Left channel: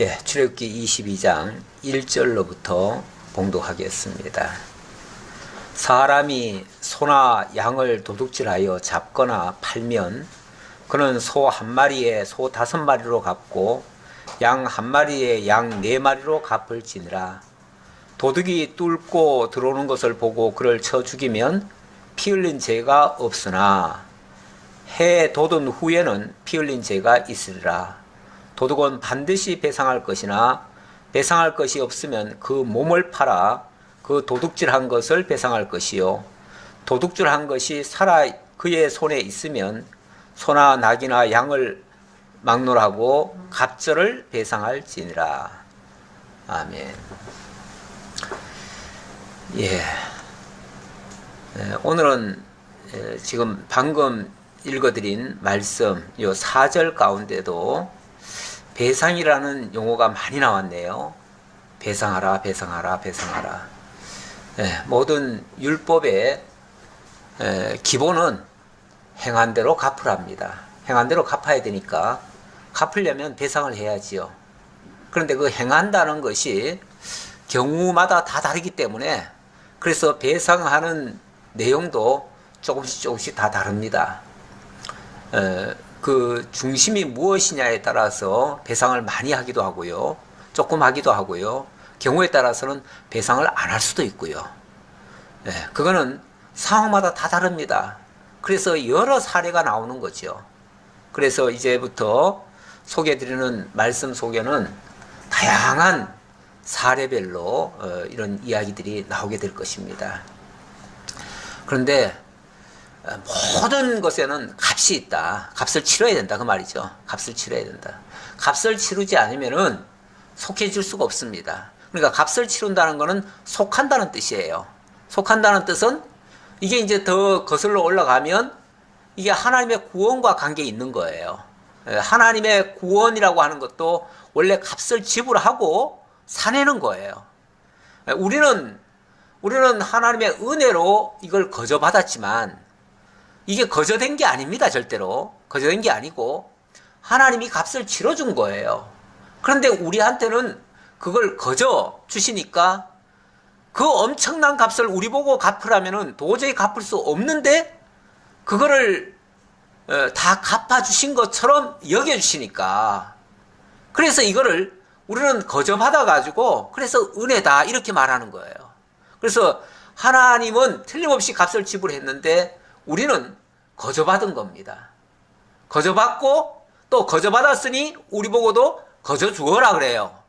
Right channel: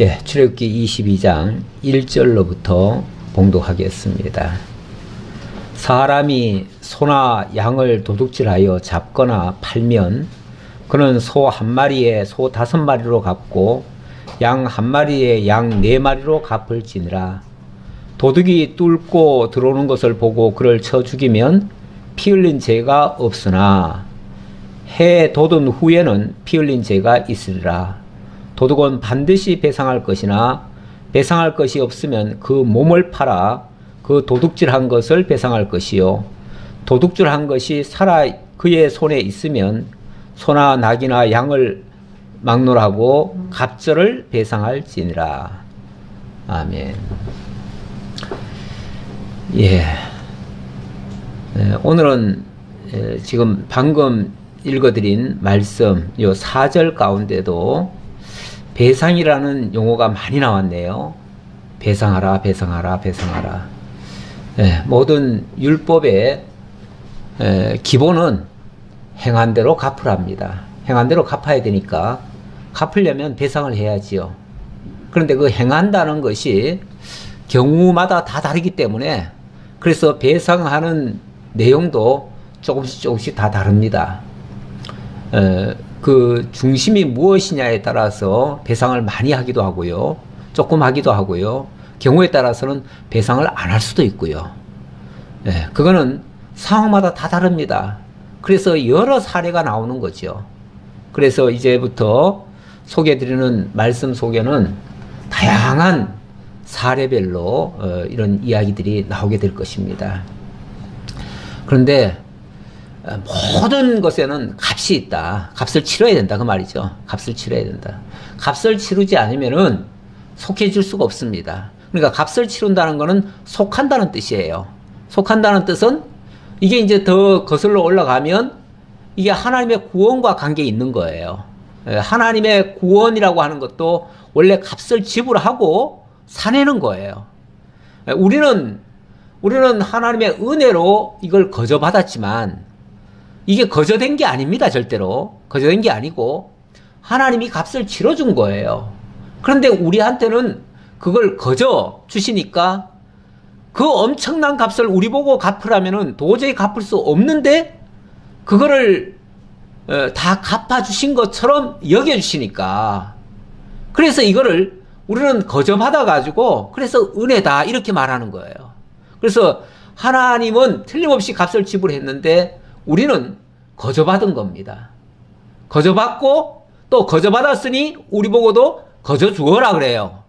예, 출애굽기 22장 1절로부터 봉독하겠습니다. 사람이 소나 양을 도둑질하여 잡거나 팔면 그는 소 한 마리에 소 5마리로 갚고 양 한 마리에 양 4마리로 갚을지니라. 도둑이 뚫고 들어오는 것을 보고 그를 쳐 죽이면 피 흘린 죄가 없으나 해 돋은 후에는 피 흘린 죄가 있으리라. 도둑은 반드시 배상할 것이나 배상할 것이 없으면 그 몸을 팔아 그 도둑질한 것을 배상할 것이요, 도둑질한 것이 살아 그의 손에 있으면 소나 낙이나 양을 막론하고 갑절을 배상할지니라. 아멘. 예. 오늘은 지금 방금 읽어드린 말씀 요 4절 가운데도 배상이라는 용어가 많이 나왔네요. 배상하라, 배상하라, 배상하라. 모든 율법의 기본은 행한 대로 갚으랍니다. 행한 대로 갚아야 되니까 갚으려면 배상을 해야지요. 그런데 그 행한다는 것이 경우마다 다 다르기 때문에 그래서 배상하는 내용도 조금씩 다 다릅니다. 그 중심이 무엇이냐에 따라서 배상을 많이 하기도 하고요, 조금 하기도 하고요, 경우에 따라서는 배상을 안 할 수도 있고요. 그거는 상황마다 다 다릅니다. 그래서 여러 사례가 나오는 거죠. 그래서 이제부터 소개해드리는 말씀 속에는 다양한 사례별로 이런 이야기들이 나오게 될 것입니다. 그런데 모든 것에는 값이 있다. 값을 치러야 된다. 그 말이죠. 값을 치러야 된다. 값을 치르지 않으면은 속해질 수가 없습니다. 그러니까 값을 치른다는 것은 속한다는 뜻이에요. 속한다는 뜻은 이게 이제 더 거슬러 올라가면 이게 하나님의 구원과 관계 있는 거예요. 하나님의 구원이라고 하는 것도 원래 값을 지불하고 사내는 거예요. 우리는 하나님의 은혜로 이걸 거저받았지만 이게 거저된 게 아닙니다. 절대로 거저된 게 아니고 하나님이 값을 치러준 거예요. 그런데 우리한테는 그걸 거저 주시니까 그 엄청난 값을 우리 보고 갚으라면은 도저히 갚을 수 없는데 그거를 다 갚아주신 것처럼 여겨주시니까, 그래서 이거를 우리는 거저 받아가지고 그래서 은혜다 이렇게 말하는 거예요. 그래서 하나님은 틀림없이 값을 지불했는데 우리는 거저받은 겁니다. 거저받고 또 거저받았으니 우리 보고도 거저 주어라 그래요.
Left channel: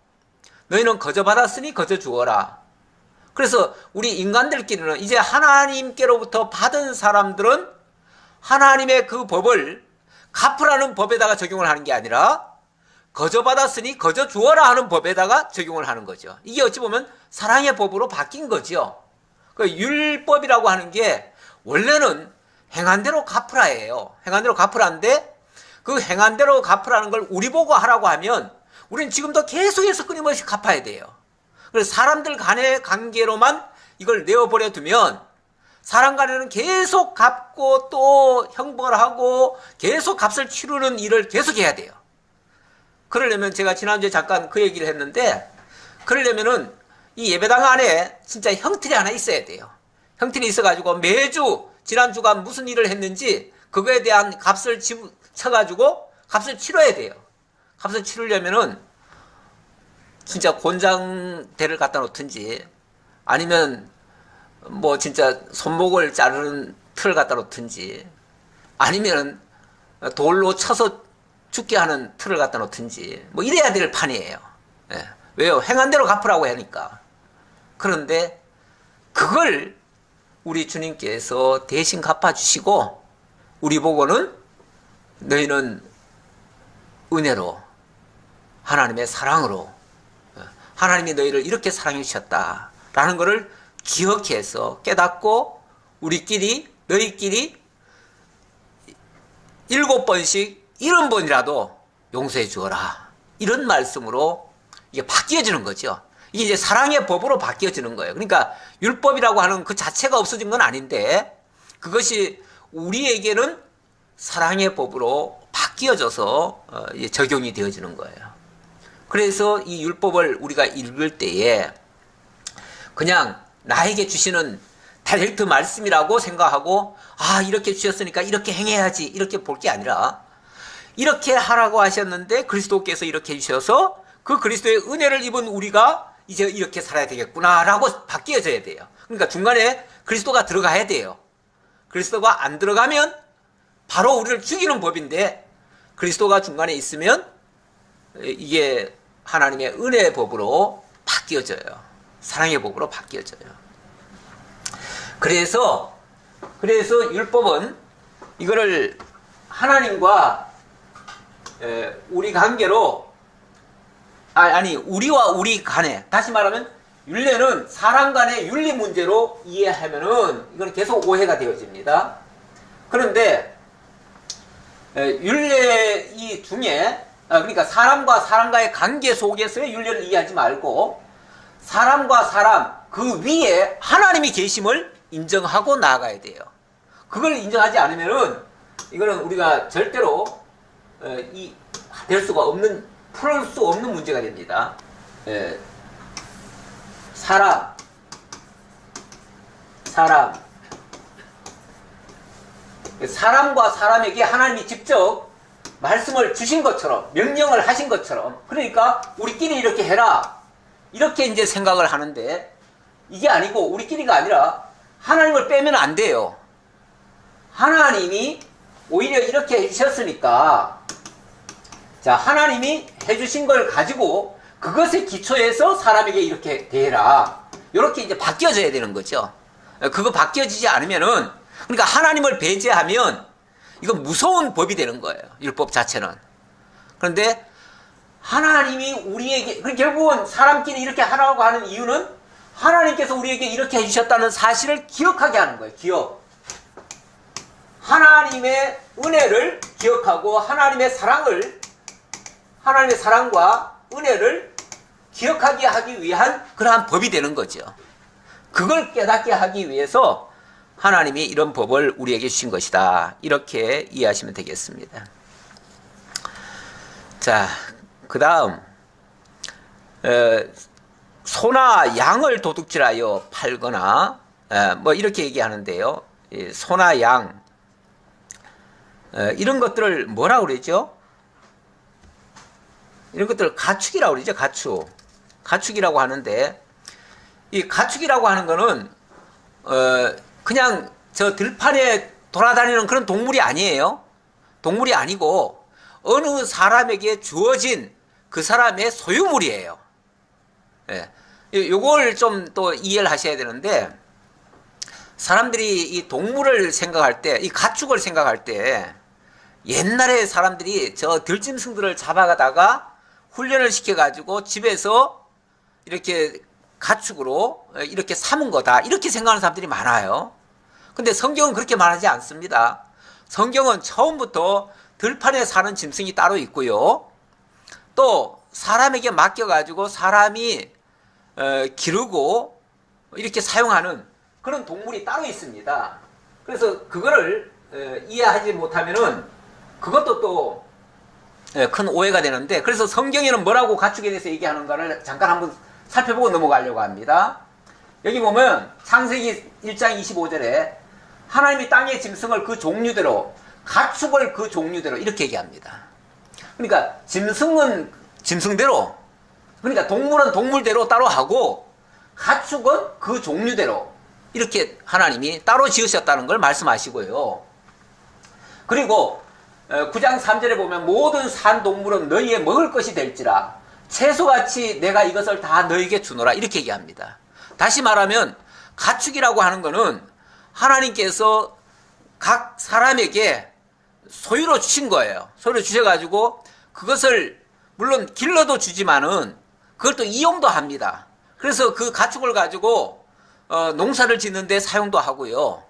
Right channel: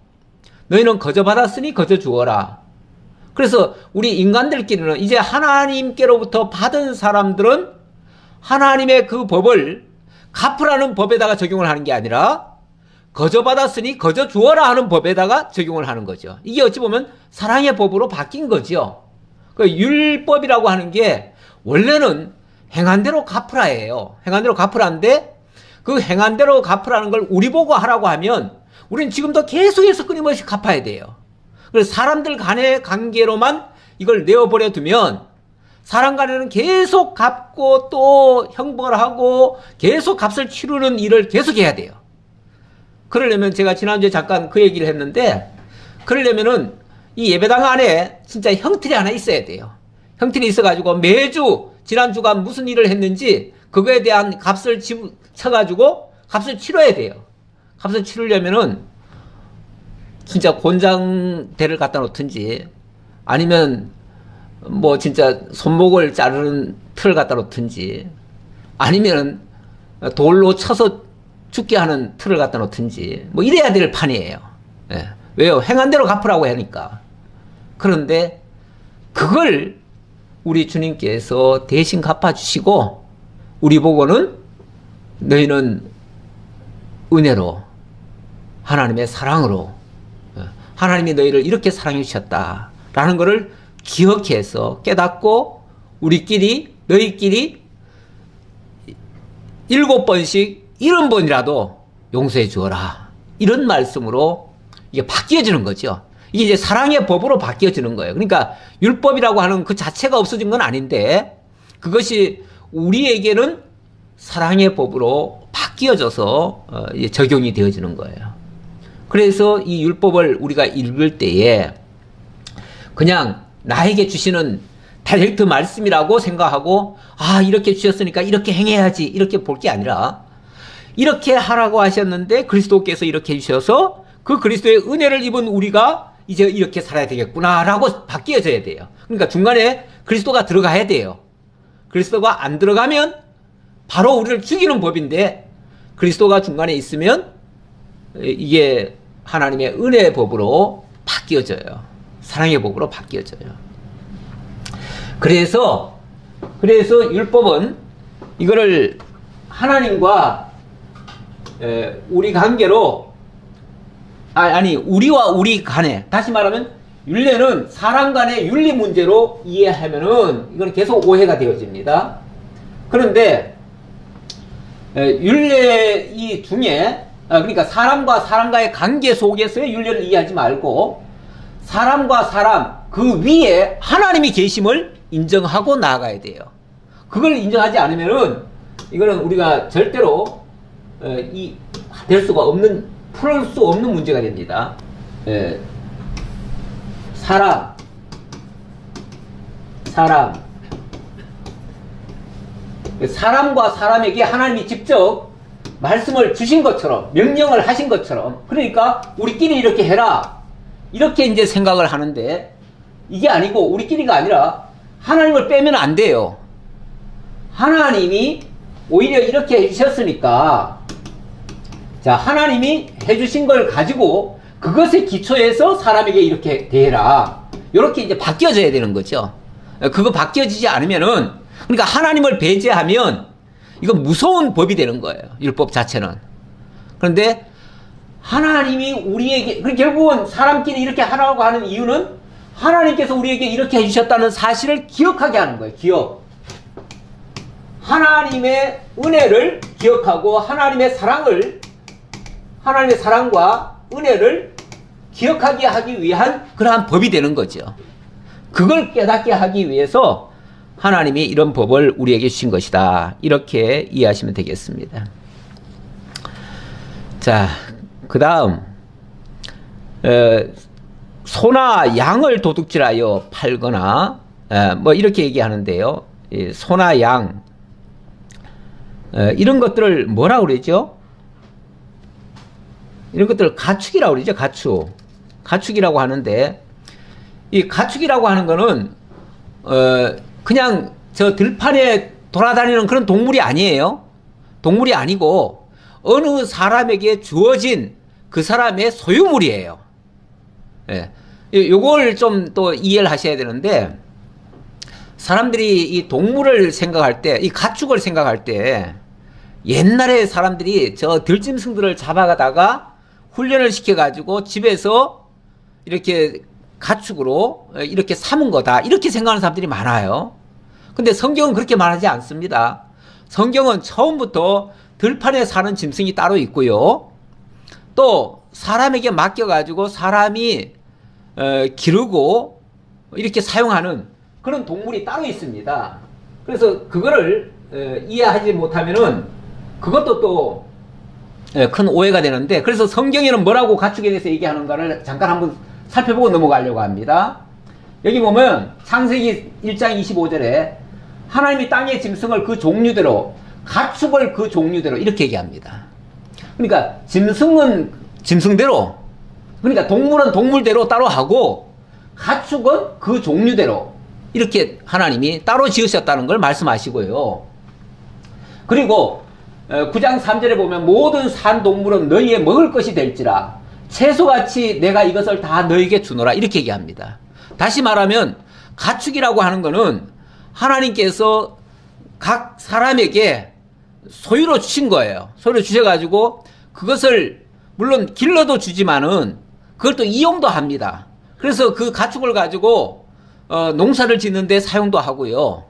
너희는 거저받았으니 거저 주어라. 그래서 우리 인간들끼리는 이제 하나님께로부터 받은 사람들은 하나님의 그 법을 갚으라는 법에다가 적용을 하는 게 아니라 거저받았으니 거저 주어라 하는 법에다가 적용을 하는 거죠. 이게 어찌 보면 사랑의 법으로 바뀐 거죠. 그 율법이라고 하는 게 원래는 행한 대로 갚으라예요. 행한 대로 갚으라인데 그 행한 대로 갚으라는 걸 우리 보고 하라고 하면 우리는 지금도 계속해서 끊임없이 갚아야 돼요. 그래서 사람들 간의 관계로만 이걸 내어버려 두면 사람 간에는 계속 갚고 또 형벌하고 계속 값을 치르는 일을 계속 해야 돼요. 그러려면 제가 지난주에 잠깐 그 얘기를 했는데, 그러려면은 이 예배당 안에 진짜 형틀이 하나 있어야 돼요. 형틀이 있어가지고 매주 지난주가 무슨 일을 했는지 그거에 대한 값을 쳐가지고 값을 치러야 돼요. 값을 치르려면은 진짜 곤장대를 갖다 놓든지 아니면 뭐 진짜 손목을 자르는 틀을 갖다 놓든지 아니면 돌로 쳐서 죽게 하는 틀을 갖다 놓든지 뭐 이래야 될 판이에요. 왜요? 행한 대로 갚으라고 하니까. 그런데 그걸 우리 주님께서 대신 갚아주시고 우리 보고는 너희는 은혜로 하나님의 사랑으로 하나님이 너희를 이렇게 사랑해 주셨다라는 것을 기억해서 깨닫고 우리끼리 너희끼리 7번씩 70번이라도 용서해 주어라, 이런 말씀으로 이게 바뀌어지는 거죠. 이게 이제 사랑의 법으로 바뀌어지는 거예요. 그러니까 율법이라고 하는 그 자체가 없어진 건 아닌데 그것이 우리에게는 사랑의 법으로 바뀌어져서 적용이 되어지는 거예요. 그래서 이 율법을 우리가 읽을 때에 그냥 나에게 주시는 다이렉트 말씀이라고 생각하고 아 이렇게 주셨으니까 이렇게 행해야지 이렇게 볼 게 아니라 이렇게 하라고 하셨는데 그리스도께서 이렇게 해주셔서 그 그리스도의 은혜를 입은 우리가 이제 이렇게 살아야 되겠구나라고 바뀌어져야 돼요. 그러니까 중간에 그리스도가 들어가야 돼요. 그리스도가 안 들어가면 바로 우리를 죽이는 법인데 그리스도가 중간에 있으면 이게 하나님의 은혜의 법으로 바뀌어져요. 사랑의 법으로 바뀌어져요. 그래서 율법은 이거를 하나님과 우리 관계로 아니 우리와 우리 간에 다시 말하면 율례는 사람 간의 윤리 문제로 이해하면은 이건 계속 오해가 되어집니다. 그런데 율례 이 중에 그러니까 사람과 사람과의 관계 속에서의 율례를 이해하지 말고 사람과 사람 그 위에 하나님이 계심을 인정하고 나아가야 돼요. 그걸 인정하지 않으면은 이거는 우리가 절대로 될 수가 없는 풀 수 없는 문제가 됩니다. 사람과 사람에게 하나님이 직접 말씀을 주신 것처럼 명령을 하신 것처럼 그러니까 우리끼리 이렇게 해라 이렇게 이제 생각을 하는데 이게 아니고 우리끼리가 아니라 하나님을 빼면 안 돼요. 하나님이 오히려 이렇게 해주셨으니까 자 하나님이 해주신 걸 가지고 그것에 기초해서 사람에게 이렇게 대해라 이렇게 이제 바뀌어져야 되는 거죠. 그거 바뀌어지지 않으면은 그러니까 하나님을 배제하면 이건 무서운 법이 되는 거예요. 율법 자체는. 그런데 하나님이 우리에게 결국은 사람끼리 이렇게 하라고 하는 이유는 하나님께서 우리에게 이렇게 해주셨다는 사실을 기억하게 하는 거예요. 기억. 하나님의 은혜를 기억하고 하나님의 사랑과 은혜를 기억하게 하기 위한 그러한 법이 되는 거죠. 그걸 깨닫게 하기 위해서 하나님이 이런 법을 우리에게 주신 것이다. 이렇게 이해하시면 되겠습니다. 자, 그 다음 소나 양을 도둑질하여 팔거나 뭐 이렇게 얘기하는데요. 소나 양 이런 것들을 뭐라고 그러죠? 이런 것들을 가축이라고 그러죠. 가축이라고 하는데 이 가축이라고 하는 거는 그냥 저 들판에 돌아다니는 그런 동물이 아니에요. 동물이 아니고 어느 사람에게 주어진 그 사람의 소유물이에요. 예. 요걸 좀 또 이해를 하셔야 되는데 사람들이 이 동물을 생각할 때, 이 가축을 생각할 때 옛날에 사람들이 저 들짐승들을 잡아가다가 훈련을 시켜가지고 집에서 이렇게 가축으로 이렇게 삼은 거다 이렇게 생각하는 사람들이 많아요. 근데 성경은 그렇게 말하지 않습니다. 성경은 처음부터 들판에 사는 짐승이 따로 있고요. 또 사람에게 맡겨가지고 사람이 기르고 이렇게 사용하는 그런 동물이 따로 있습니다. 그래서 그거를 이해하지 못하면은 그것도 또 큰 오해가 되는데 그래서 성경에는 뭐라고 가축에 대해서 얘기하는가를 잠깐 한번 살펴보고 넘어가려고 합니다. 여기 보면 창세기 1장 25절에 하나님이 땅의 짐승을 그 종류대로 가축을 그 종류대로 이렇게 얘기합니다. 그러니까 짐승은 짐승대로 그러니까 동물은 동물대로 따로 하고 가축은 그 종류대로 이렇게 하나님이 따로 지으셨다는 걸 말씀하시고요. 그리고 9장 3절에 보면 모든 산 동물은 너희의 먹을 것이 될지라 채소같이 내가 이것을 다 너희에게 주노라 이렇게 얘기합니다. 다시 말하면 가축이라고 하는 것은 하나님께서 각 사람에게 소유로 주신 거예요. 소유로 주셔가지고 그것을 물론 길러도 주지만은 그걸 또 이용도 합니다. 그래서 그 가축을 가지고 농사를 짓는데 사용도 하고요.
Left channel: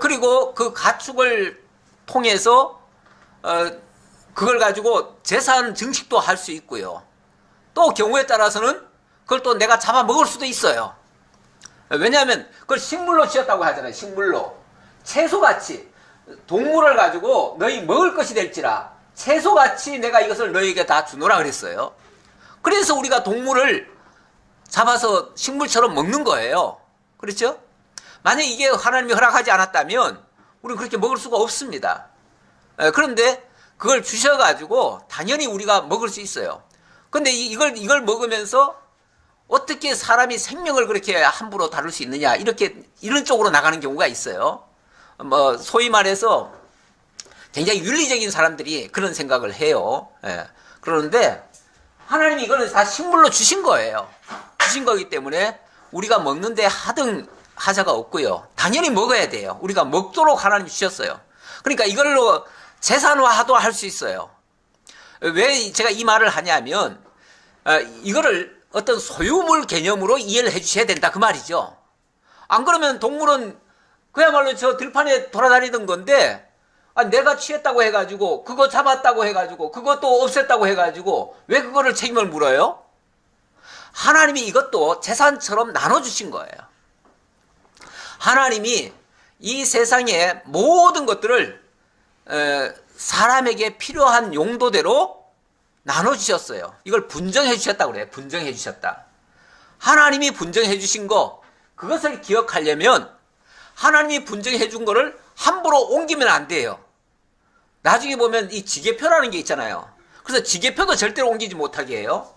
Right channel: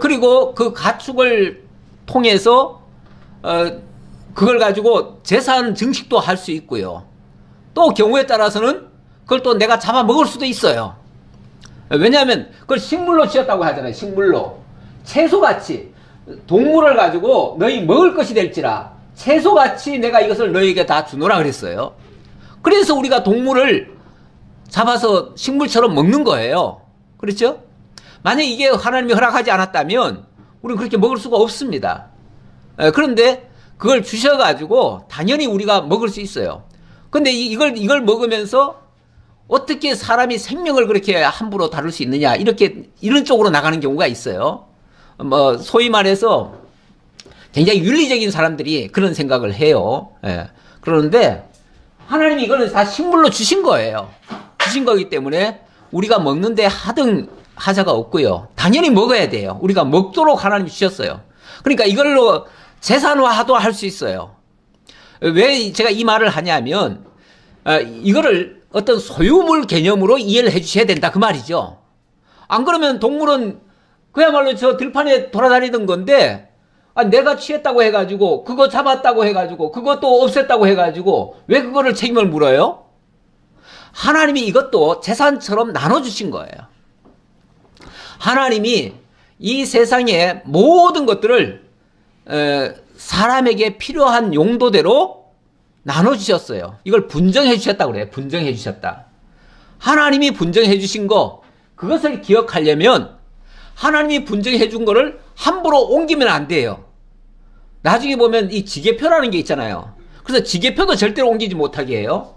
그리고 그 가축을 통해서 그걸 가지고 재산 증식도 할 수 있고요. 또 경우에 따라서는 그걸 또 내가 잡아 먹을 수도 있어요. 왜냐하면 그걸 식물로 지었다고 하잖아요. 식물로. 채소같이 동물을 가지고 너희 먹을 것이 될지라 채소같이 내가 이것을 너희에게 다 주노라 그랬어요. 그래서 우리가 동물을 잡아서 식물처럼 먹는 거예요. 그렇죠? 만약 이게 하나님이 허락하지 않았다면 우리는 그렇게 먹을 수가 없습니다. 그런데 그걸 주셔가지고 당연히 우리가 먹을 수 있어요. 근데 이걸 먹으면서 어떻게 사람이 생명을 그렇게 함부로 다룰 수 있느냐, 이런 쪽으로 나가는 경우가 있어요. 소위 말해서 굉장히 윤리적인 사람들이 그런 생각을 해요. 그러는데 하나님이 이거는 다 식물로 주신 거예요. 주신 거기 때문에 우리가 먹는데 하자가 없고요. 당연히 먹어야 돼요. 우리가 먹도록 하나님이 주셨어요. 그러니까 이걸로 재산화도 할 수 있어요. 왜 제가 이 말을 하냐면 이거를 어떤 소유물 개념으로 이해를 해 주셔야 된다 그 말이죠. 안 그러면 동물은 그야말로 저 들판에 돌아다니던 건데 내가 취했다고 해가지고 그거 잡았다고 해가지고 그것도 없앴다고 해가지고 왜 그거를 책임을 물어요? 하나님이 이것도 재산처럼 나눠주신 거예요. 하나님이 이 세상의 모든 것들을 사람에게 필요한 용도대로 나눠주셨어요. 이걸 분정해 주셨다고 그래요. 분정해 주셨다. 하나님이 분정해 주신 거, 그것을 기억하려면 하나님이 분정해 준 거를 함부로 옮기면 안 돼요. 나중에 보면 이 지계표라는 게 있잖아요. 그래서 지계표도 절대로 옮기지 못하게 해요.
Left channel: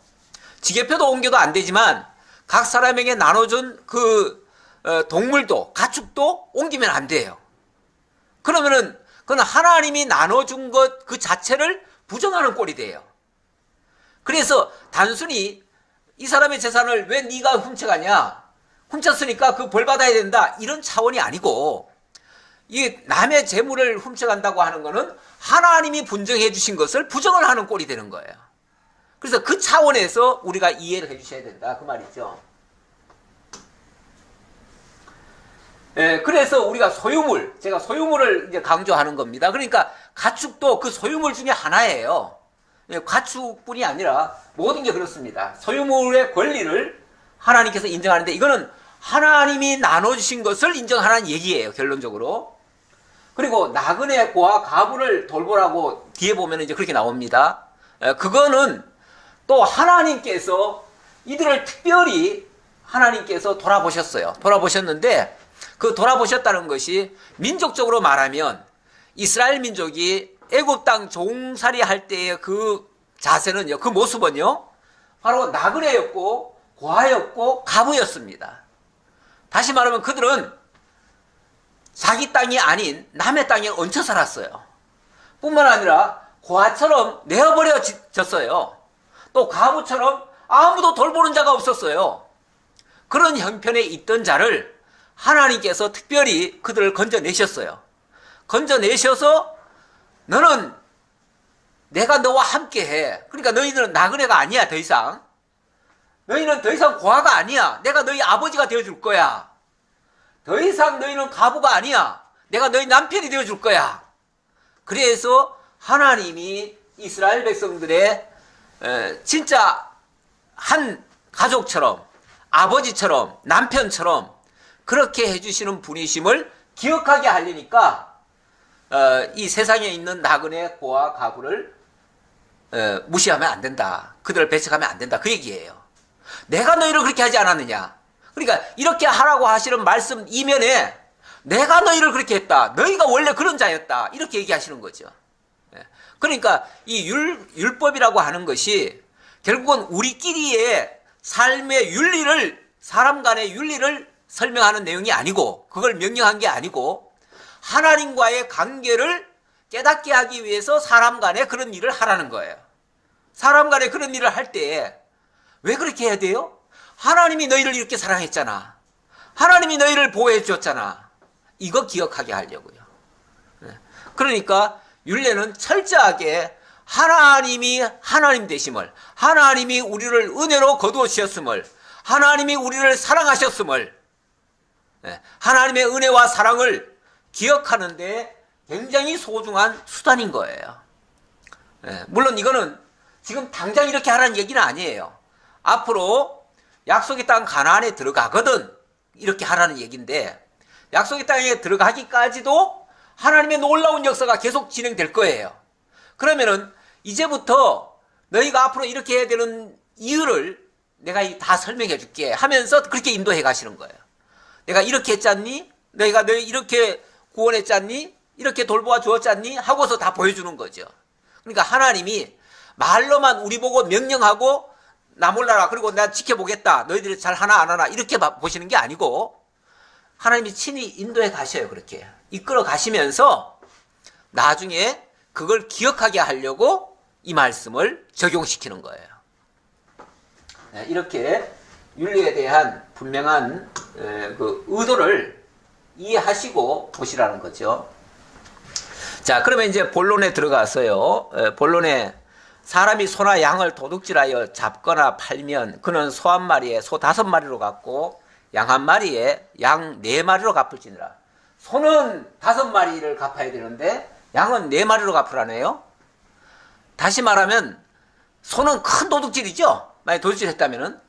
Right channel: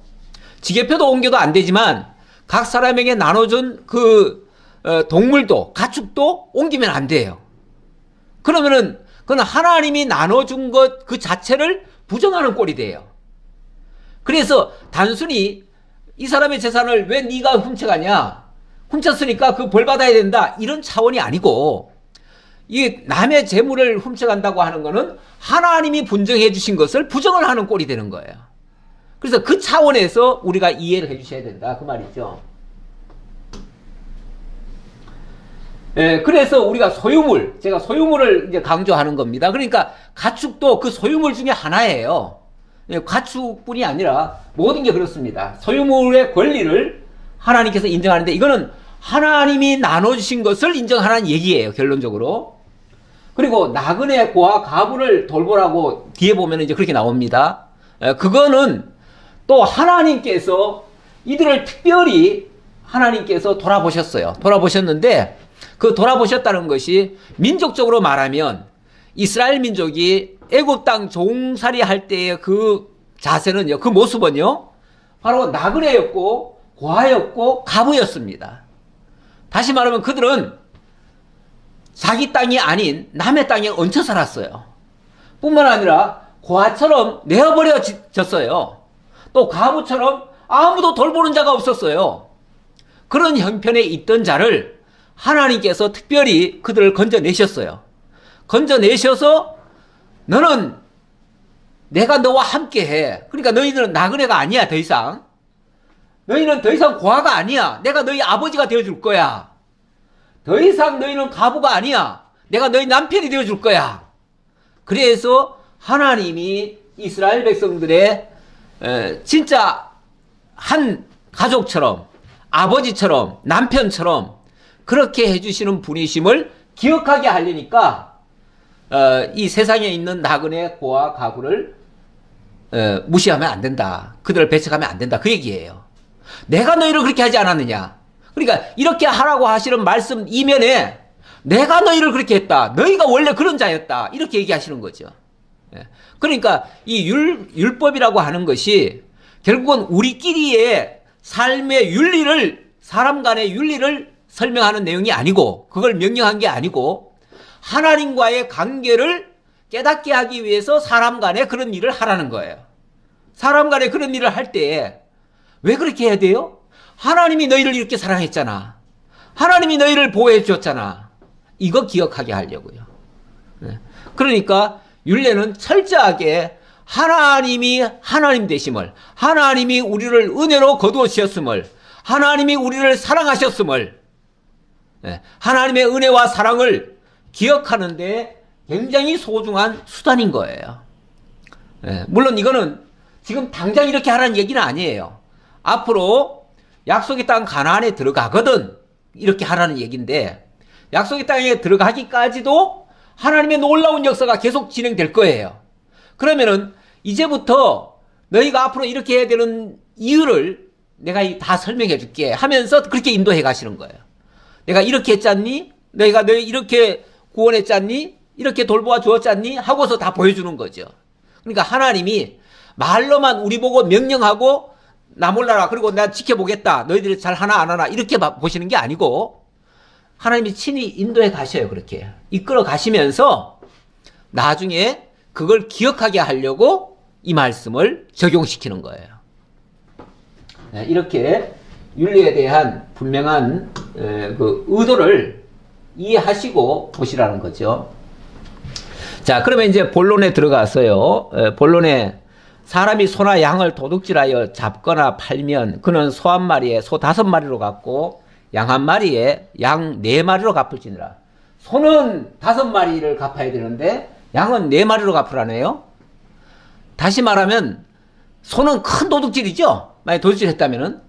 지계표도 옮겨도 안 되지만 각 사람에게 나눠준 그 동물도 가축도 옮기면 안 돼요. 그러면은 그건 하나님이 나눠준 것 그 자체를 부정하는 꼴이 돼요. 그래서 단순히 이 사람의 재산을 왜 네가 훔쳐가냐, 훔쳤으니까 그 벌 받아야 된다, 이런 차원이 아니고, 이 남의 재물을 훔쳐간다고 하는 거는 하나님이 분정해 주신 것을 부정을 하는 꼴이 되는 거예요. 그래서 그 차원에서 우리가 이해를 해 주셔야 된다 그 말이죠. 그래서 우리가 소유물, 제가 소유물을 이제 강조하는 겁니다. 그러니까 가축도 그 소유물 중에 하나예요. 가축뿐이 아니라 모든 게 그렇습니다. 소유물의 권리를 하나님께서 인정하는데 이거는 하나님이 나눠주신 것을 인정하라는 얘기예요, 결론적으로. 그리고 나그네 고아 가부를 돌보라고 뒤에 보면 이제 그렇게 나옵니다. 그거는 또 하나님께서 이들을 특별히 하나님께서 돌아보셨어요. 돌아보셨는데 그 돌아보셨다는 것이 민족적으로 말하면 이스라엘 민족이 애굽 땅 종살이 할 때의 그 자세는요, 그 모습은요, 바로 나그네였고 고아였고 가부였습니다. 다시 말하면 그들은 자기 땅이 아닌 남의 땅에 얹혀 살았어요. 뿐만 아니라 고아처럼 내어버려졌어요. 또 가부처럼 아무도 돌보는 자가 없었어요. 그런 형편에 있던 자를 하나님께서 특별히 그들을 건져내셨어요. 건져내셔서 너는 내가 너와 함께해. 그러니까 너희들은 나그네가 아니야, 더 이상. 너희는 더 이상 고아가 아니야. 내가 너희 아버지가 되어줄 거야. 더 이상 너희는 가부가 아니야. 내가 너희 남편이 되어줄 거야. 그래서 하나님이 이스라엘 백성들의 진짜 한 가족처럼, 아버지처럼, 남편처럼 그렇게 해주시는 분이심을 기억하게 하려니까 이 세상에 있는 나그네 고아 가부를 무시하면 안 된다. 그들을 배척하면 안 된다. 그 얘기예요. 내가 너희를 그렇게 하지 않았느냐. 그러니까 이렇게 하라고 하시는 말씀 이면에 내가 너희를 그렇게 했다. 너희가 원래 그런 자였다. 이렇게 얘기하시는 거죠. 그러니까 이 율법이라고 하는 것이 결국은 우리끼리의 삶의 윤리를, 사람 간의 윤리를 설명하는 내용이 아니고, 그걸 명령한 게 아니고, 하나님과의 관계를 깨닫게 하기 위해서 사람 간에 그런 일을 하라는 거예요. 사람 간에 그런 일을 할 때 왜 그렇게 해야 돼요? 하나님이 너희를 이렇게 사랑했잖아. 하나님이 너희를 보호해 줬잖아. 이거 기억하게 하려고요. 그러니까 율례는 철저하게 하나님이 하나님 되심을, 하나님이 우리를 은혜로 거두어 주셨음을, 하나님이 우리를 사랑하셨음을, 하나님의 은혜와 사랑을 기억하는 데 굉장히 소중한 수단인 거예요. 물론 이거는 지금 당장 이렇게 하라는 얘기는 아니에요. 앞으로 약속의 땅 가나안에 들어가거든 이렇게 하라는 얘기인데, 약속의 땅에 들어가기까지도 하나님의 놀라운 역사가 계속 진행될 거예요. 그러면은 이제부터 너희가 앞으로 이렇게 해야 되는 이유를 내가 다 설명해 줄게 하면서 그렇게 인도해 가시는 거예요. 내가 이렇게 했잖니? 내가 너 이렇게 구원했잖니? 이렇게 돌보아 주었잖니? 하고서 다 보여주는 거죠. 그러니까 하나님이 말로만 우리 보고 명령하고 나 몰라라. 그리고 나 지켜보겠다. 너희들이 잘 하나 안 하나. 이렇게 보시는 게 아니고 하나님이 친히 인도해 가셔요. 그렇게. 이끌어 가시면서 나중에 그걸 기억하게 하려고 이 말씀을 적용시키는 거예요. 네, 이렇게 윤리에 대한 분명한 그 의도를 이해하시고 보시라는 거죠. 자, 그러면 이제 본론에 들어가서요. 본론에 사람이 소나 양을 도둑질하여 잡거나 팔면 그는 소 한 마리에 소 5마리로 갚고 양 한 마리에 양 4마리로 갚을지니라. 소는 5마리를 갚아야 되는데 양은 4마리로 갚으라네요. 다시 말하면 소는 큰 도둑질이죠. 만약 도둑질했다면은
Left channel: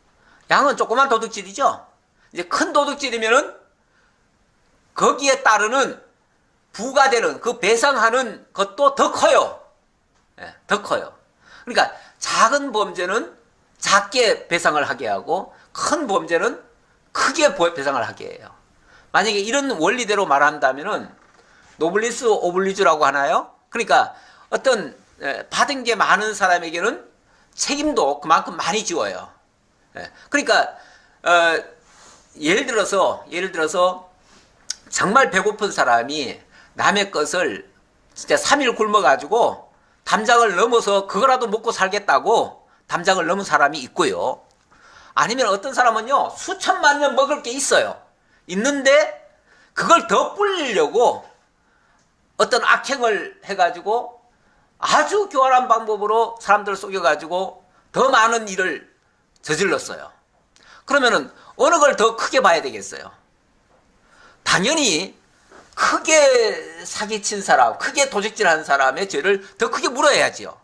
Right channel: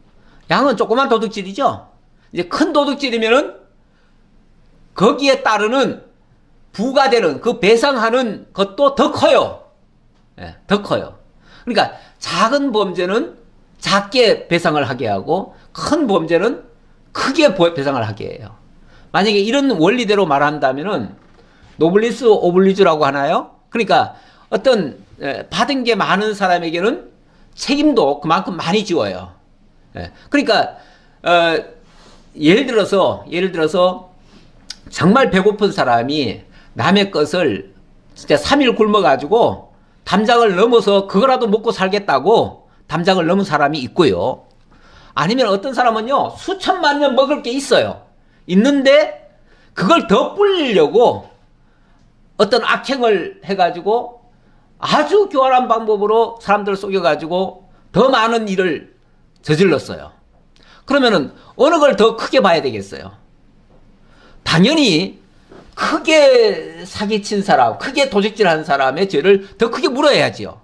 양은 조그만 도둑질이죠. 이제 큰 도둑질이면은 거기에 따르는 부과되는 그 배상하는 것도 더 커요. 예, 더 커요. 그러니까 작은 범죄는 작게 배상을 하게 하고 큰 범죄는 크게 배상을 하게 해요. 만약에 이런 원리대로 말한다면은 노블리스 오블리주라고 하나요? 그러니까 어떤 받은 게 많은 사람에게는 책임도 그만큼 많이 지워요. 그러니까 예를 들어서 정말 배고픈 사람이 남의 것을 진짜 3일 굶어가지고 담장을 넘어서 그거라도 먹고 살겠다고 담장을 넘은 사람이 있고요. 아니면 어떤 사람은요, 수천만 년 먹을 게 있어요. 있는데 그걸 더 불리려고 어떤 악행을 해가지고 아주 교활한 방법으로 사람들을 속여가지고 더 많은 일을 저질렀어요. 그러면은 어느 걸 더 크게 봐야 되겠어요? 당연히 크게 사기친 사람, 크게 도둑질한 사람의 죄를 더 크게 물어야지요.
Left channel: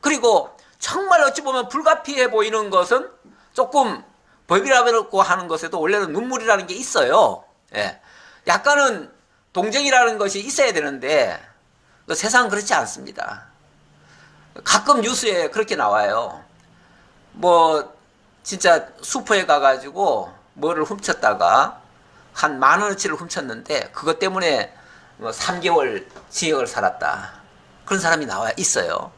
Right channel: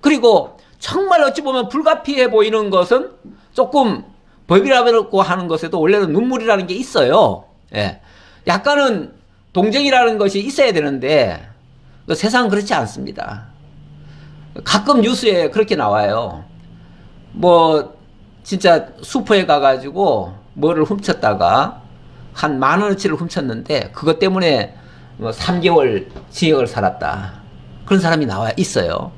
그리고 정말 어찌 보면 불가피해 보이는 것은 조금 법이라고 하는 것에도 원래는 눈물이라는 게 있어요. 예. 약간은 동정이라는 것이 있어야 되는데 세상은 그렇지 않습니다. 가끔 뉴스에 그렇게 나와요. 뭐 진짜 슈퍼에 가가지고 뭐를 훔쳤다가 한 10,000원어치를 훔쳤는데 그것 때문에 뭐 3개월 징역을 살았다. 그런 사람이 있어요.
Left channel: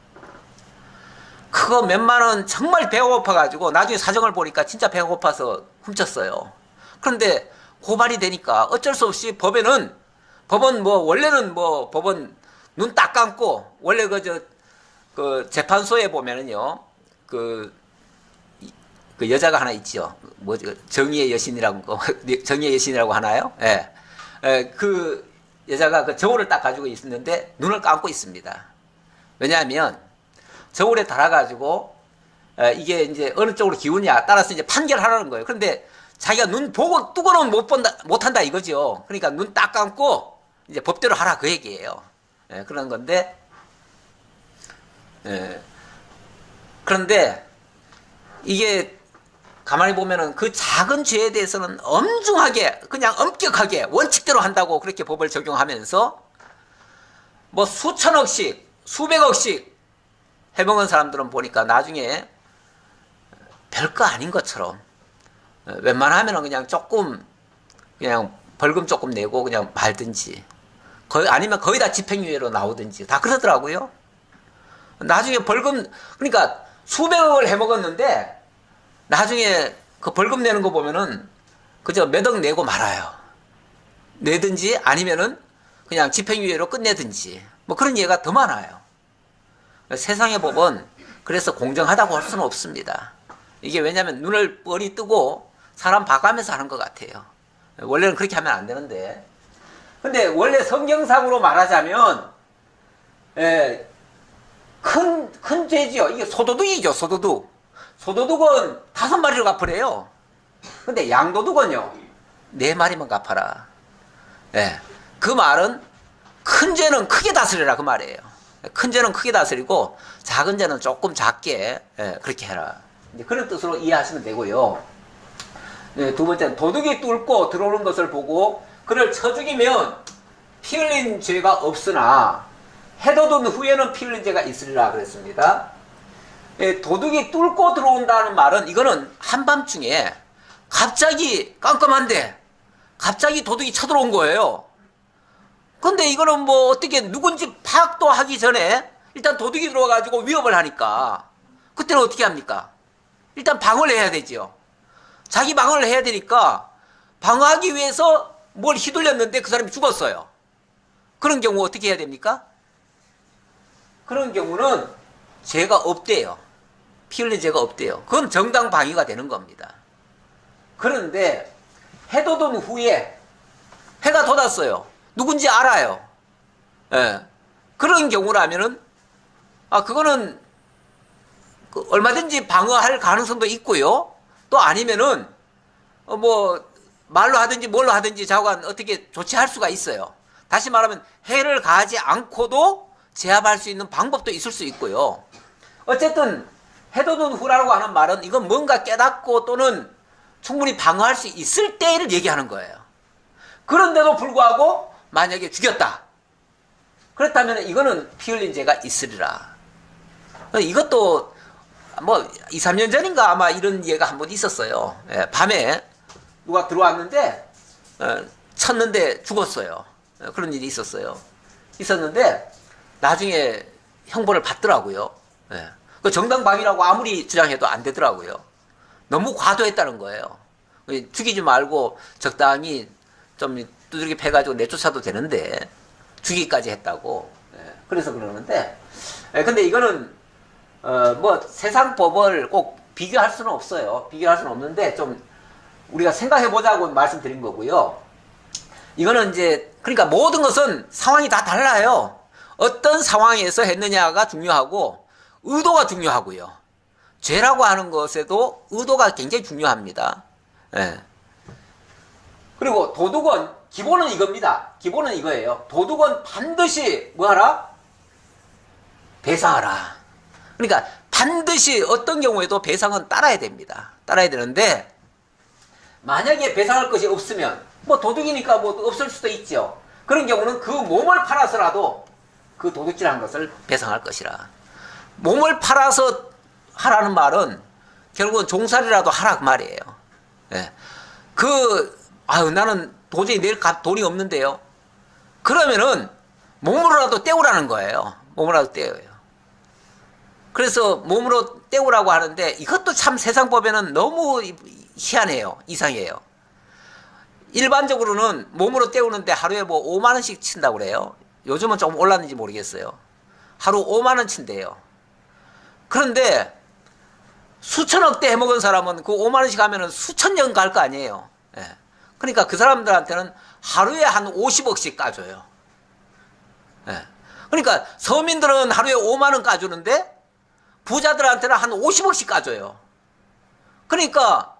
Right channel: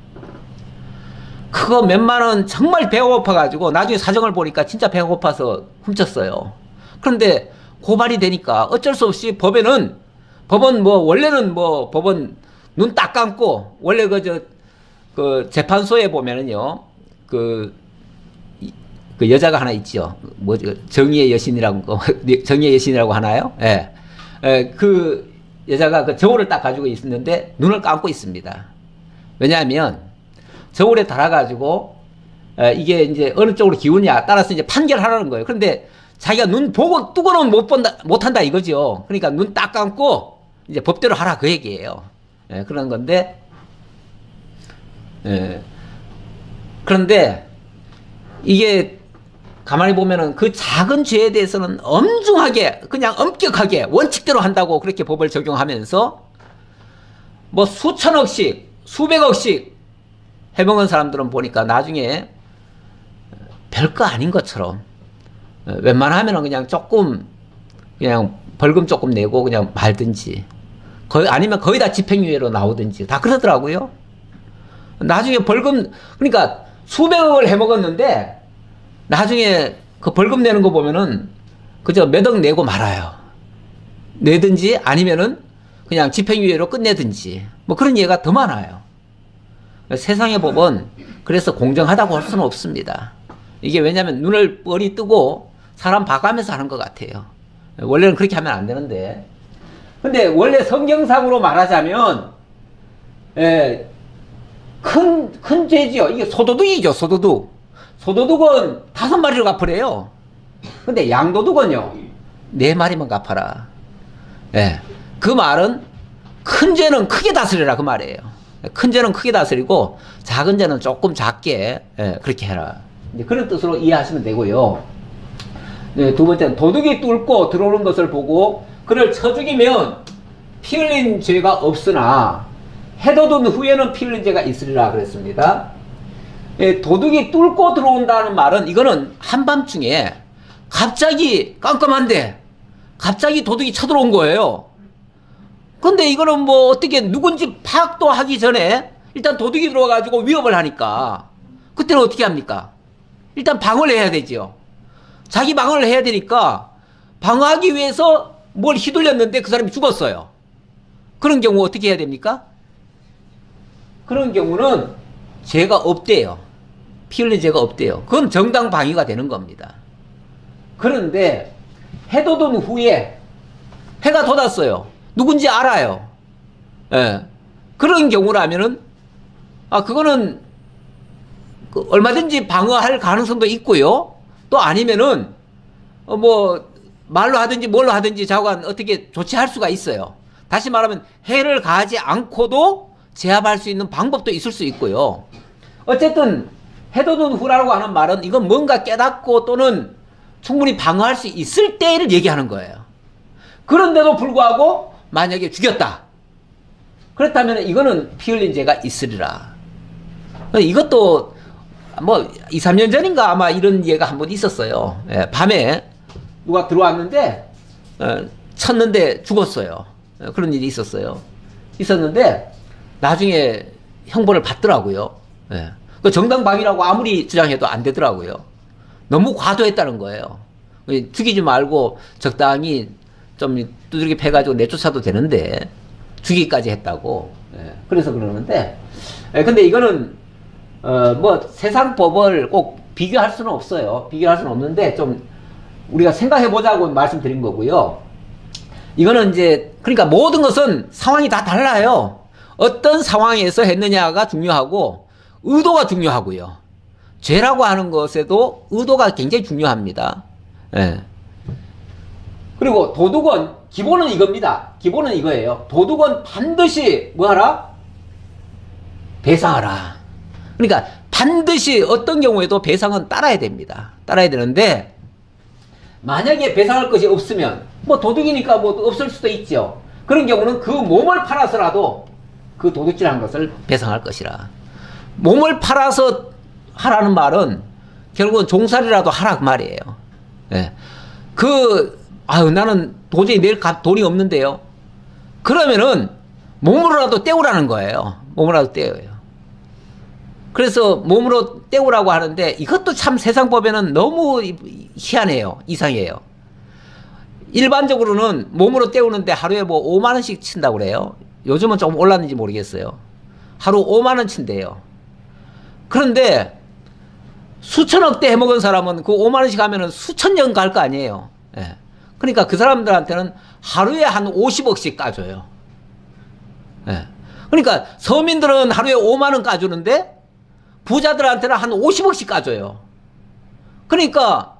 그거 몇만 원 정말 배가 고파가지고 나중에 사정을 보니까 진짜 배가 고파서 훔쳤어요. 그런데 고발이 되니까 어쩔 수 없이 법은 법원 눈 딱 감고 원래 그 재판소에 보면은요 그 여자가 하나 있죠. 정의의 여신이라고 하나요? 예. 그 여자가 그 저울을 딱 가지고 있는데 눈을 감고 있습니다. 왜냐하면 저울에 달아가지고 이게 이제 어느 쪽으로 기우냐 따라서 이제 판결하라는 거예요. 그런데 자기가 눈 보고 뜨고는 못한다 이거죠. 그러니까 눈 딱 감고 이제 법대로 하라 그 얘기예요. 예, 그런 건데, 그런데 이게 가만히 보면은 그 작은 죄에 대해서는 엄중하게 그냥 엄격하게 원칙대로 한다고 그렇게 법을 적용하면서 뭐 수천억씩 수백억씩 해먹은 사람들은 보니까 나중에 별거 아닌 것처럼 웬만하면 그냥 조금 그냥 벌금 조금 내고 그냥 말든지 아니면 거의 다 집행유예로 나오든지 다 그러더라고요. 나중에 벌금 그러니까 수백억을 해먹었는데 나중에 그 벌금 내는 거 보면은 그저 몇 억 내고 말아요. 내든지 아니면은 그냥 집행유예로 끝내든지 뭐 그런 예가 더 많아요. 세상의 법은 그래서 공정하다고 할 수는 없습니다. 이게 왜냐하면 눈을 뻔히 뜨고 사람 봐가면서 하는 것 같아요. 원래는 그렇게 하면 안 되는데. 근데 원래 성경상으로 말하자면 큰 죄지요. 이게 소도둑이죠. 소도둑은 5마리를 갚으래요. 근데 양도둑은요 4마리만 갚아라. 예. 그 말은 큰 죄는 크게 다스리라 그 말이에요. 큰 죄는 크게 다스리고 작은 죄는 조금 작게 그렇게 해라. 이제 그런 뜻으로 이해하시면 되고요. 네, 두 번째는 도둑이 뚫고 들어오는 것을 보고 그를 쳐 죽이면 피 흘린 죄가 없으나 해돋은 후에는 피 흘린 죄가 있으리라 그랬습니다. 예, 도둑이 뚫고 들어온다는 말은 이거는 한밤중에 갑자기 깜깜한데 갑자기 도둑이 쳐들어온 거예요. 근데 이거는 뭐 어떻게 누군지 파악도 하기 전에 일단 도둑이 들어와가지고 위협을 하니까 그때는 어떻게 합니까? 일단 방어를 해야 되죠. 자기 방어를 해야 되니까 방어하기 위해서 뭘 휘둘렸는데 그 사람이 죽었어요. 그런 경우 어떻게 해야 됩니까? 그런 경우는 죄가 없대요. 피 흘린 죄가 없대요. 그건 정당 방위가 되는 겁니다. 그런데 해도 든 후에 해가 돋았어요. 누군지 알아요. 예. 그런 경우라면은 그거는 얼마든지 방어할 가능성도 있고요. 또 아니면은 뭐 말로 하든지 뭘로 하든지 자관 어떻게 조치할 수가 있어요. 다시 말하면 해를 가하지 않고도 제압할 수 있는 방법도 있을 수 있고요. 어쨌든 해도 든 후라고 하는 말은 이건 뭔가 깨닫고 또는 충분히 방어할 수 있을 때를 얘기하는 거예요. 그런데도 불구하고 만약에 죽였다. 그렇다면 이거는 피 흘린 죄가 있으리라. 이것도 뭐 2, 3년 전인가 아마 이런 예가 한 번 있었어요. 예, 밤에 누가 들어왔는데 쳤는데 죽었어요. 그런 일이 있었는데 나중에 형벌을 받더라고요. 예. 그 정당방위라고 아무리 주장해도 안 되더라고요. 너무 과도했다는 거예요. 죽이지 말고 적당히 좀 두들겨 패가지고 내쫓아도 되는데 죽이기까지 했다고. 예. 그래서 그러는데 근데 이거는 뭐 세상 법을 꼭 비교할 수는 없어요. 비교할 수는 없는데 좀 우리가 생각해 보자고 말씀드린 거고요. 이거는 이제 그러니까 모든 것은 상황이 다 달라요. 어떤 상황에서 했느냐가 중요하고 의도가 중요하고요. 죄라고 하는 것에도 의도가 굉장히 중요합니다. 예. 그리고 도둑은 기본은 이겁니다. 기본은 이거예요. 도둑은 반드시 뭐하라? 배상하라. 그러니까 반드시 어떤 경우에도 배상은 따라야 됩니다. 따라야 되는데 만약에 배상할 것이 없으면 뭐 도둑이니까 뭐 없을 수도 있죠. 그런 경우는 그 몸을 팔아서라도 그 도둑질한 것을 배상할 것이라. 몸을 팔아서 하라는 말은 결국은 종살이라도 하라 그 말이에요. 예. 나는 도저히 내일 돈이 없는데요. 그러면은 몸으로라도 떼우라는 거예요. 몸으로라도 떼어요. 그래서 몸으로 떼우라고 하는데 이것도 참 세상법에는 너무 희한해요. 이상해요. 일반적으로는 몸으로 떼우는데 하루에 뭐 5만 원씩 친다고 그래요. 요즘은 조금 올랐는지 모르겠어요. 하루 5만 원 친대요. 그런데 수천억 대 해먹은 사람은 그 5만 원씩 하면은 수천 년 갈 거 아니에요. 예. 그러니까 그 사람들한테는 하루에 한 50억씩 까줘요. 예. 그러니까 서민들은 하루에 5만 원 까주는데 부자들한테는 한 50억씩 까줘요. 그러니까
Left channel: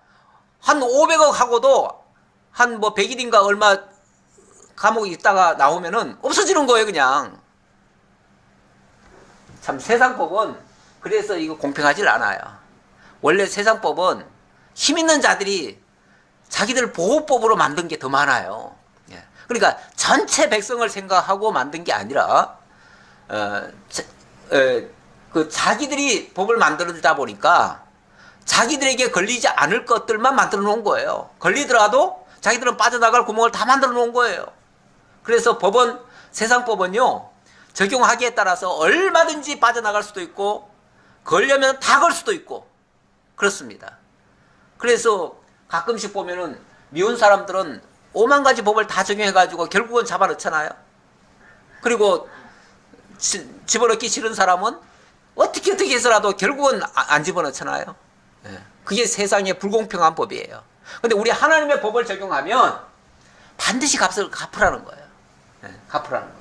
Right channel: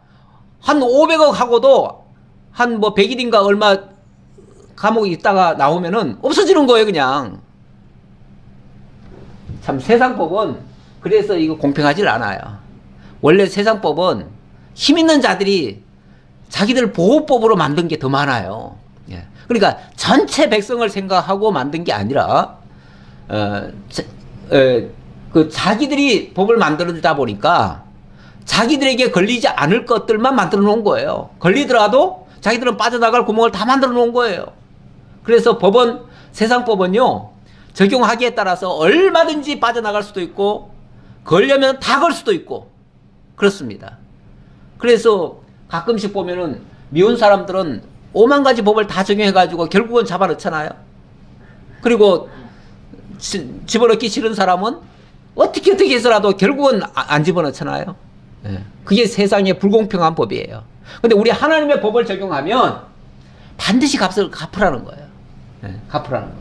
한 500억 하고도 한 뭐 100일인가 얼마 감옥에 있다가 나오면은 없어지는 거예요, 그냥. 참 세상법은 그래서 이거 공평하질 않아요. 원래 세상법은 힘 있는 자들이 자기들 보호법으로 만든 게 더 많아요. 예. 그러니까 전체 백성을 생각하고 만든 게 아니라 그 자기들이 법을 만들다 보니까 자기들에게 걸리지 않을 것들만 만들어 놓은 거예요. 걸리더라도 자기들은 빠져나갈 구멍을 다 만들어 놓은 거예요. 그래서 법은, 세상법은요, 적용하기에 따라서 얼마든지 빠져나갈 수도 있고 걸려면 다 걸 수도 있고 그렇습니다. 그래서 가끔씩 보면은 미운 사람들은 5만 가지 법을 다 적용해가지고 결국은 잡아넣잖아요. 그리고 집어넣기 싫은 사람은 어떻게 해서라도 결국은 안 집어넣잖아요. 예. 그게 세상의 불공평한 법이에요. 근데 우리 하나님의 법을 적용하면 반드시 값을 갚으라는 거예요. 예. 갚으라는 거.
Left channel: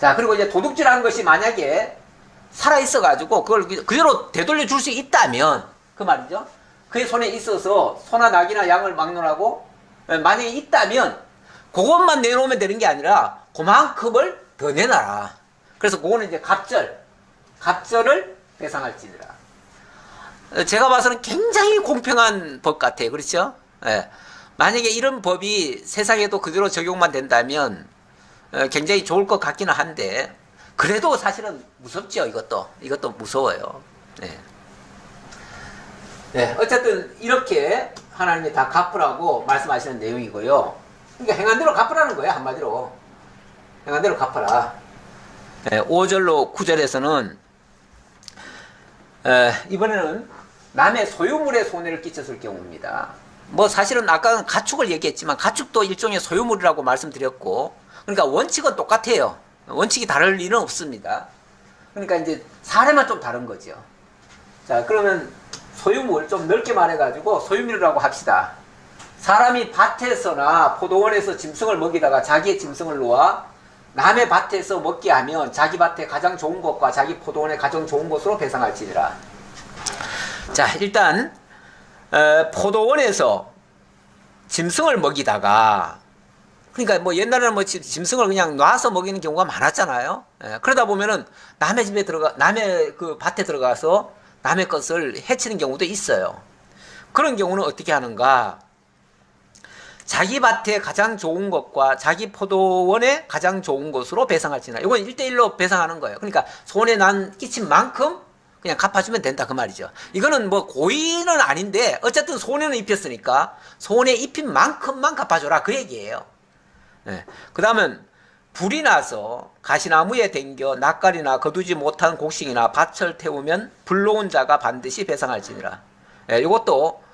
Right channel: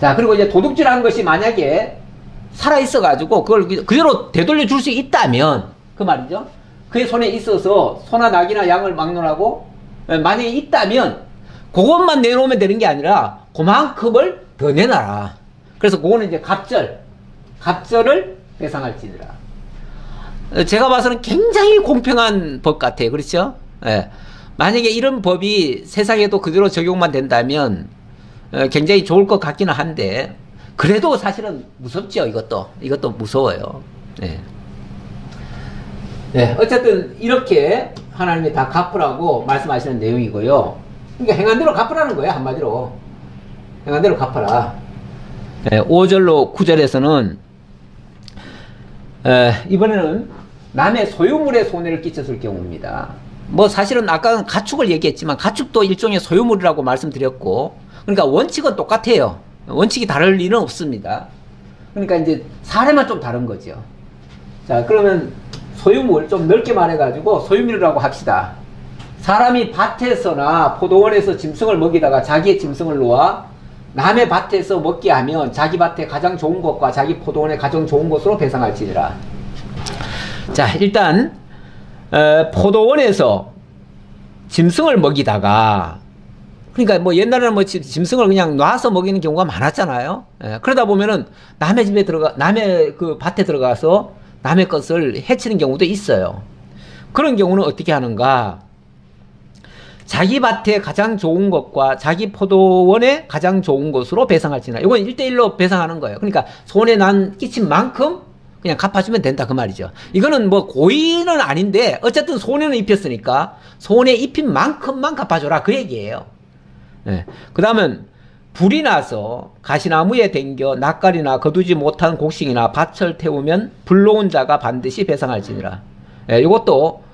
자, 그리고 이제 도둑질하는 것이 만약에 살아있어가지고 그걸 그대로 되돌려 줄 수 있다면, 그 말이죠. 그의 손에 있어서 소나 낙이나 양을 막론하고 만약에 있다면 그것만 내놓으면 되는 게 아니라 그만큼을 더 내놔라. 그래서 그거는 이제 갑절을 배상할지니라. 제가 봐서는 굉장히 공평한 법 같아요. 그렇죠? 예. 만약에 이런 법이 세상에도 그대로 적용만 된다면 굉장히 좋을 것 같기는 한데, 그래도 사실은 무섭죠. 이것도 무서워요. 네. 네, 어쨌든 이렇게 하나님이 다 갚으라고 말씀하시는 내용이고요. 그러니까 행한 대로 갚으라는 거예요. 한마디로 행한 대로 갚아라. 네, 5절로 9절에서는 이번에는 남의 소유물에 손해를 끼쳤을 경우입니다. 뭐 사실은 아까 가축을 얘기했지만 가축도 일종의 소유물이라고 말씀드렸고, 그러니까 원칙은 똑같아요. 원칙이 다를 일은 없습니다. 그러니까 이제 사례만 좀 다른 거죠. 자, 그러면 소유물 좀 넓게 말해가지고 소유물이라고 합시다. 사람이 밭에서나 포도원에서 짐승을 먹이다가 자기의 짐승을 놓아 남의 밭에서 먹게 하면 자기 밭에 가장 좋은 것과 자기 포도원에 가장 좋은 것으로 배상할지니라. 자, 일단 포도원에서 짐승을 먹이다가, 그러니까 뭐 옛날에는 뭐 짐승을 그냥 놔서 먹이는 경우가 많았잖아요. 그러다 보면은 남의 집에 남의 그 밭에 들어가서 남의 것을 해치는 경우도 있어요. 그런 경우는 어떻게 하는가? 자기 밭에 가장 좋은 것과 자기 포도원에 가장 좋은 것으로 배상할지나. 이건 1대1로 배상하는 거예요. 그러니까 손해 난 끼친 만큼 그냥 갚아주면 된다 그 말이죠. 이거는 뭐 고의는 아닌데 어쨌든 손해는 입혔으니까 손해 입힌 만큼만 갚아줘라 그 얘기예요. 네. 그 다음은 불이 나서 가시나무에 댕겨 낯가리나 거두지 못한 곡식이나 밭을 태우면 불놓은 자가 반드시 배상할지니라. 예, 이것도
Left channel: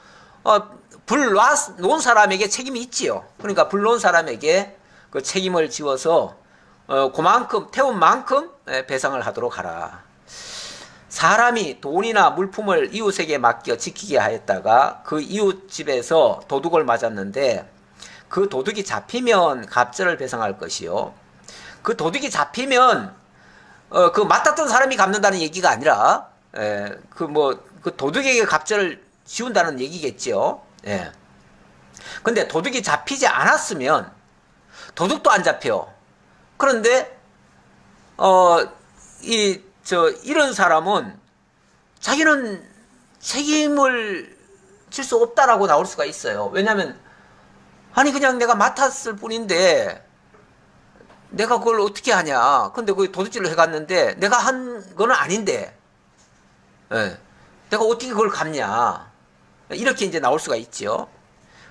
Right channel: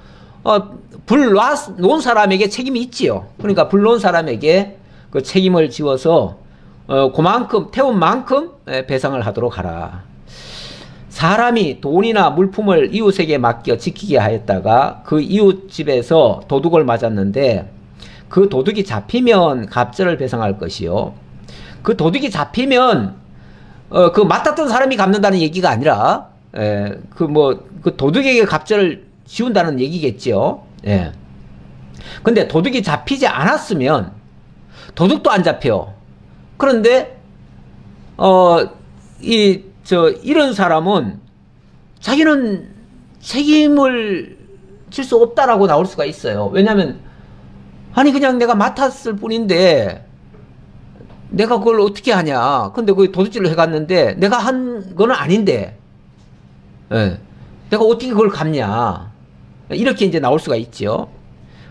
불 놓은 사람에게 책임이 있지요. 그러니까 불 놓은 사람에게 그 책임을 지워서 그만큼 태운 만큼 배상을 하도록 하라. 사람이 돈이나 물품을 이웃에게 맡겨 지키게 하였다가 그 이웃 집에서 도둑을 맞았는데 그 도둑이 잡히면 갑절을 배상할 것이요. 그 도둑이 잡히면 그 맡았던 사람이 갚는다는 얘기가 아니라 그 도둑에게 갑절을 지운다는 얘기겠죠. 예. 근데 도둑이 잡히지 않았으면 도둑도 안 잡혀. 그런데 이런 사람은 자기는 책임을 질 수 없다라고 나올 수가 있어요. 왜냐하면 아니 그냥 내가 맡았을 뿐인데 내가 그걸 어떻게 하냐. 근데 그 도둑질을 해갔는데 내가 한 거는 아닌데 내가 어떻게 그걸 갚냐. 이렇게 이제 나올 수가 있죠.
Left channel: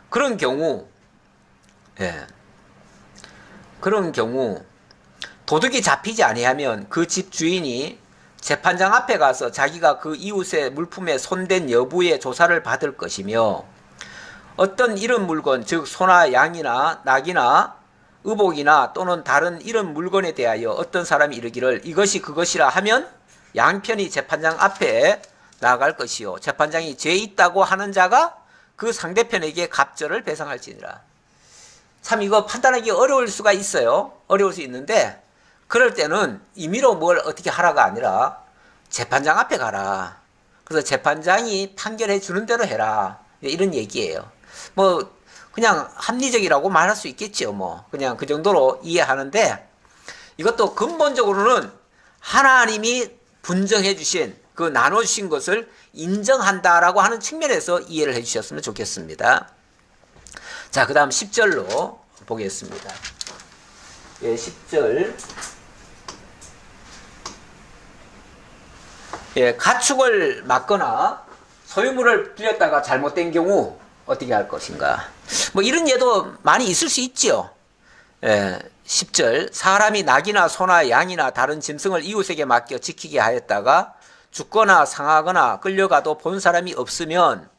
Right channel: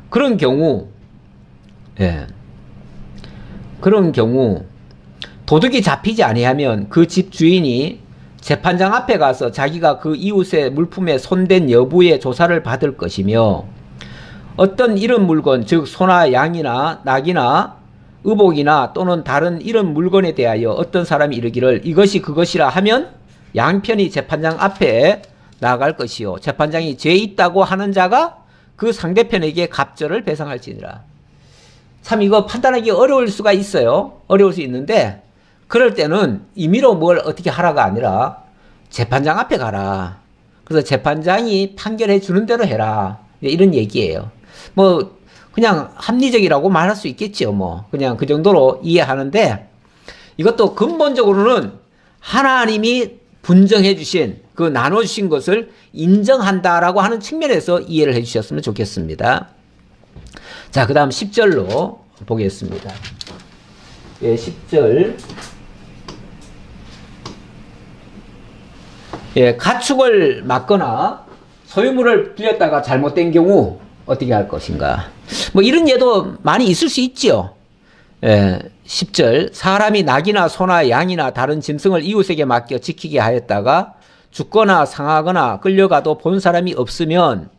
그런 경우 도둑이 잡히지 아니하면 그 집 주인이 재판장 앞에 가서 자기가 그 이웃의 물품에 손댄 여부의 조사를 받을 것이며, 어떤 이런 물건, 즉 소나 양이나 낙이나 의복이나 또는 다른 이런 물건에 대하여 어떤 사람이 이르기를 이것이 그것이라 하면 양편이 재판장 앞에 나아갈 것이요, 재판장이 죄 있다고 하는 자가 그 상대편에게 갑절을 배상할지니라. 참 이거 판단하기 어려울 수가 있어요. 어려울 수 있는데 그럴 때는 임의로 뭘 어떻게 하라가 아니라 재판장 앞에 가라. 그래서 재판장이 판결해 주는 대로 해라. 이런 얘기예요. 뭐 그냥 합리적이라고 말할 수 있겠지요. 뭐 그냥 그 정도로 이해하는데, 이것도 근본적으로는 하나님이 분정해 주신 그 나눠주신 것을 인정한다라고 하는 측면에서 이해를 해 주셨으면 좋겠습니다. 자, 그 다음 10절로 보겠습니다. 예, 10절. 예, 가축을 맞거나 소유물을 빌렸다가 잘못된 경우 어떻게 할 것인가. 뭐 이런 예도 많이 있을 수 있지요. 예, 10절. 사람이 낙이나 소나 양이나 다른 짐승을 이웃에게 맡겨 지키게 하였다가 죽거나 상하거나 끌려가도 본 사람이 없으면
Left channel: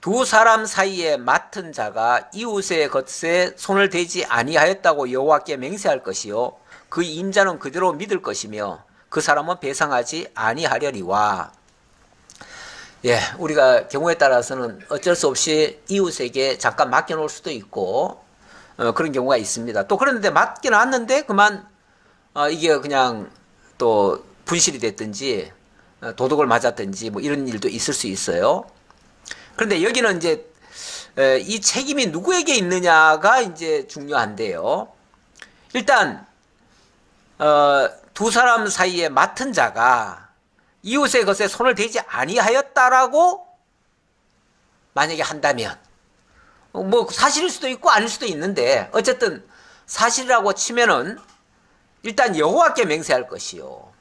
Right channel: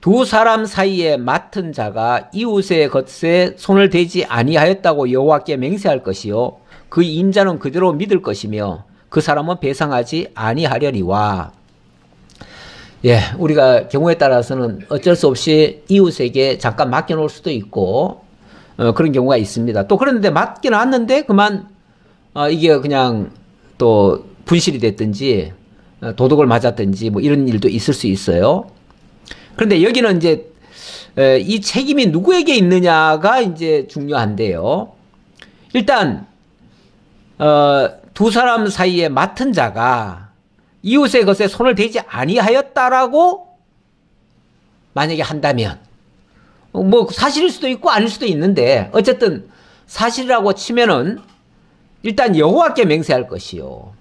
두 사람 사이에 맡은 자가 이웃의 것에 손을 대지 아니하였다고 여호와께 맹세할 것이요, 그 임자는 그대로 믿을 것이며 그 사람은 배상하지 아니하려니와. 예, 우리가 경우에 따라서는 어쩔 수 없이 이웃에게 잠깐 맡겨놓을 수도 있고 그런 경우가 있습니다. 또 그런데 맡겨놨는데 그만 이게 그냥 또 분실이 됐든지 도둑을 맞았든지 뭐 이런 일도 있을 수 있어요. 그런데 여기는 이제 이 책임이 누구에게 있느냐가 이제 중요한데요. 일단 두 사람 사이에 맡은 자가 이웃의 것에 손을 대지 아니하였다라고 만약에 한다면, 뭐 사실일 수도 있고 아닐 수도 있는데 어쨌든 사실이라고 치면은 일단 여호와께 맹세할 것이요.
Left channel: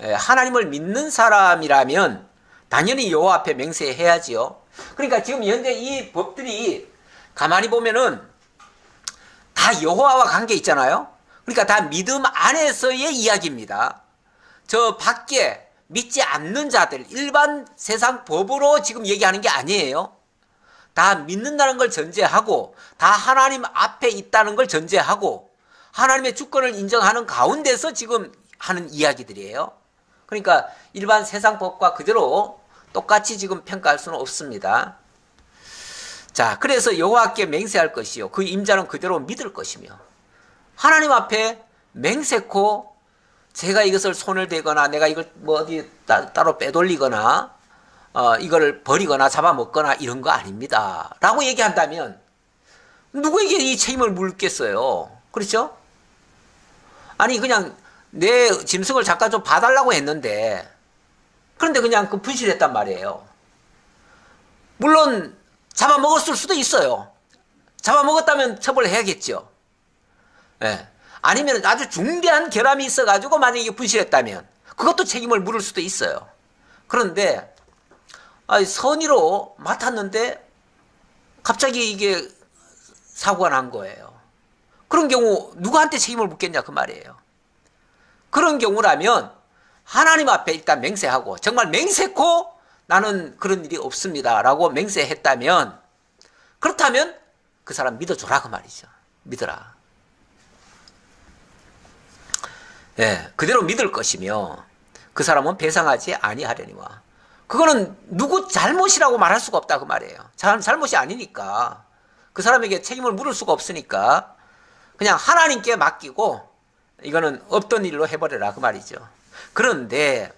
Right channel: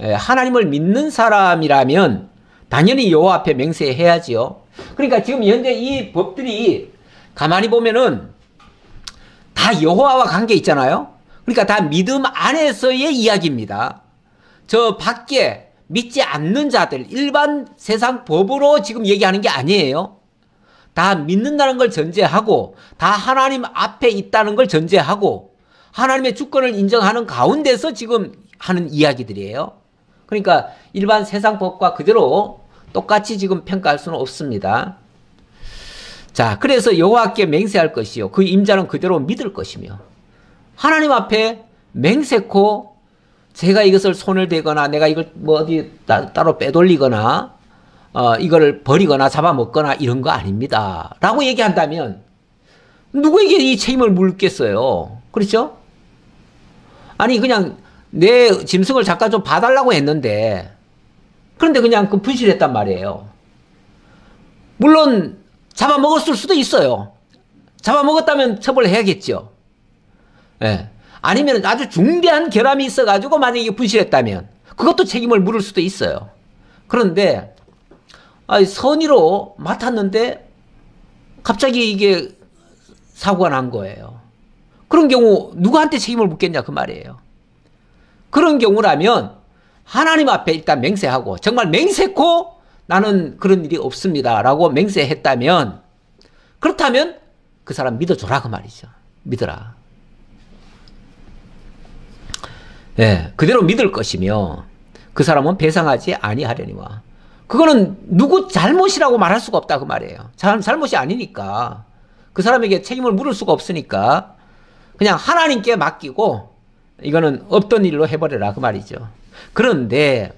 하나님을 믿는 사람이라면 당연히 여호와 앞에 맹세해야지요. 그러니까 지금 현재 이 법들이 가만히 보면은 다 여호와와 관계 있잖아요. 그러니까 다 믿음 안에서의 이야기입니다. 저 밖에 믿지 않는 자들, 일반 세상 법으로 지금 얘기하는 게 아니에요. 다 믿는다는 걸 전제하고, 다 하나님 앞에 있다는 걸 전제하고, 하나님의 주권을 인정하는 가운데서 지금 하는 이야기들이에요. 그러니까 일반 세상 법과 그대로 똑같이 지금 평가할 수는 없습니다. 자, 그래서 여호와께 맹세할 것이요. 그 임자는 그대로 믿을 것이며, 하나님 앞에 맹세코 제가 이것을 손을 대거나 내가 이걸 뭐 어디 따로 빼돌리거나 이거를 버리거나 잡아먹거나 이런 거 아닙니다. 라고 얘기한다면 누구에게 이 책임을 물겠어요? 그렇죠? 아니 그냥 내 짐승을 잠깐 좀 봐달라고 했는데 그런데 그냥 그 분실했단 말이에요. 물론 잡아먹었을 수도 있어요. 잡아먹었다면 처벌해야겠죠. 예. 아니면 아주 중대한 결함이 있어가지고 만약에 분실했다면 그것도 책임을 물을 수도 있어요. 그런데 선의로 맡았는데 갑자기 이게 사고가 난 거예요. 그런 경우 누구한테 책임을 묻겠냐 그 말이에요. 그런 경우라면 하나님 앞에 일단 맹세하고 정말 맹세코 나는 그런 일이 없습니다 라고 맹세했다면 그렇다면 그 사람 믿어줘라 그 말이죠. 믿어라. 예, 그대로 믿을 것이며 그 사람은 배상하지 아니하려니와. 그거는 누구 잘못이라고 말할 수가 없다 그 말이에요. 잘못이 아니니까 그 사람에게 책임을 물을 수가 없으니까 그냥 하나님께 맡기고 이거는 없던 일로 해버려라 그 말이죠. 그런데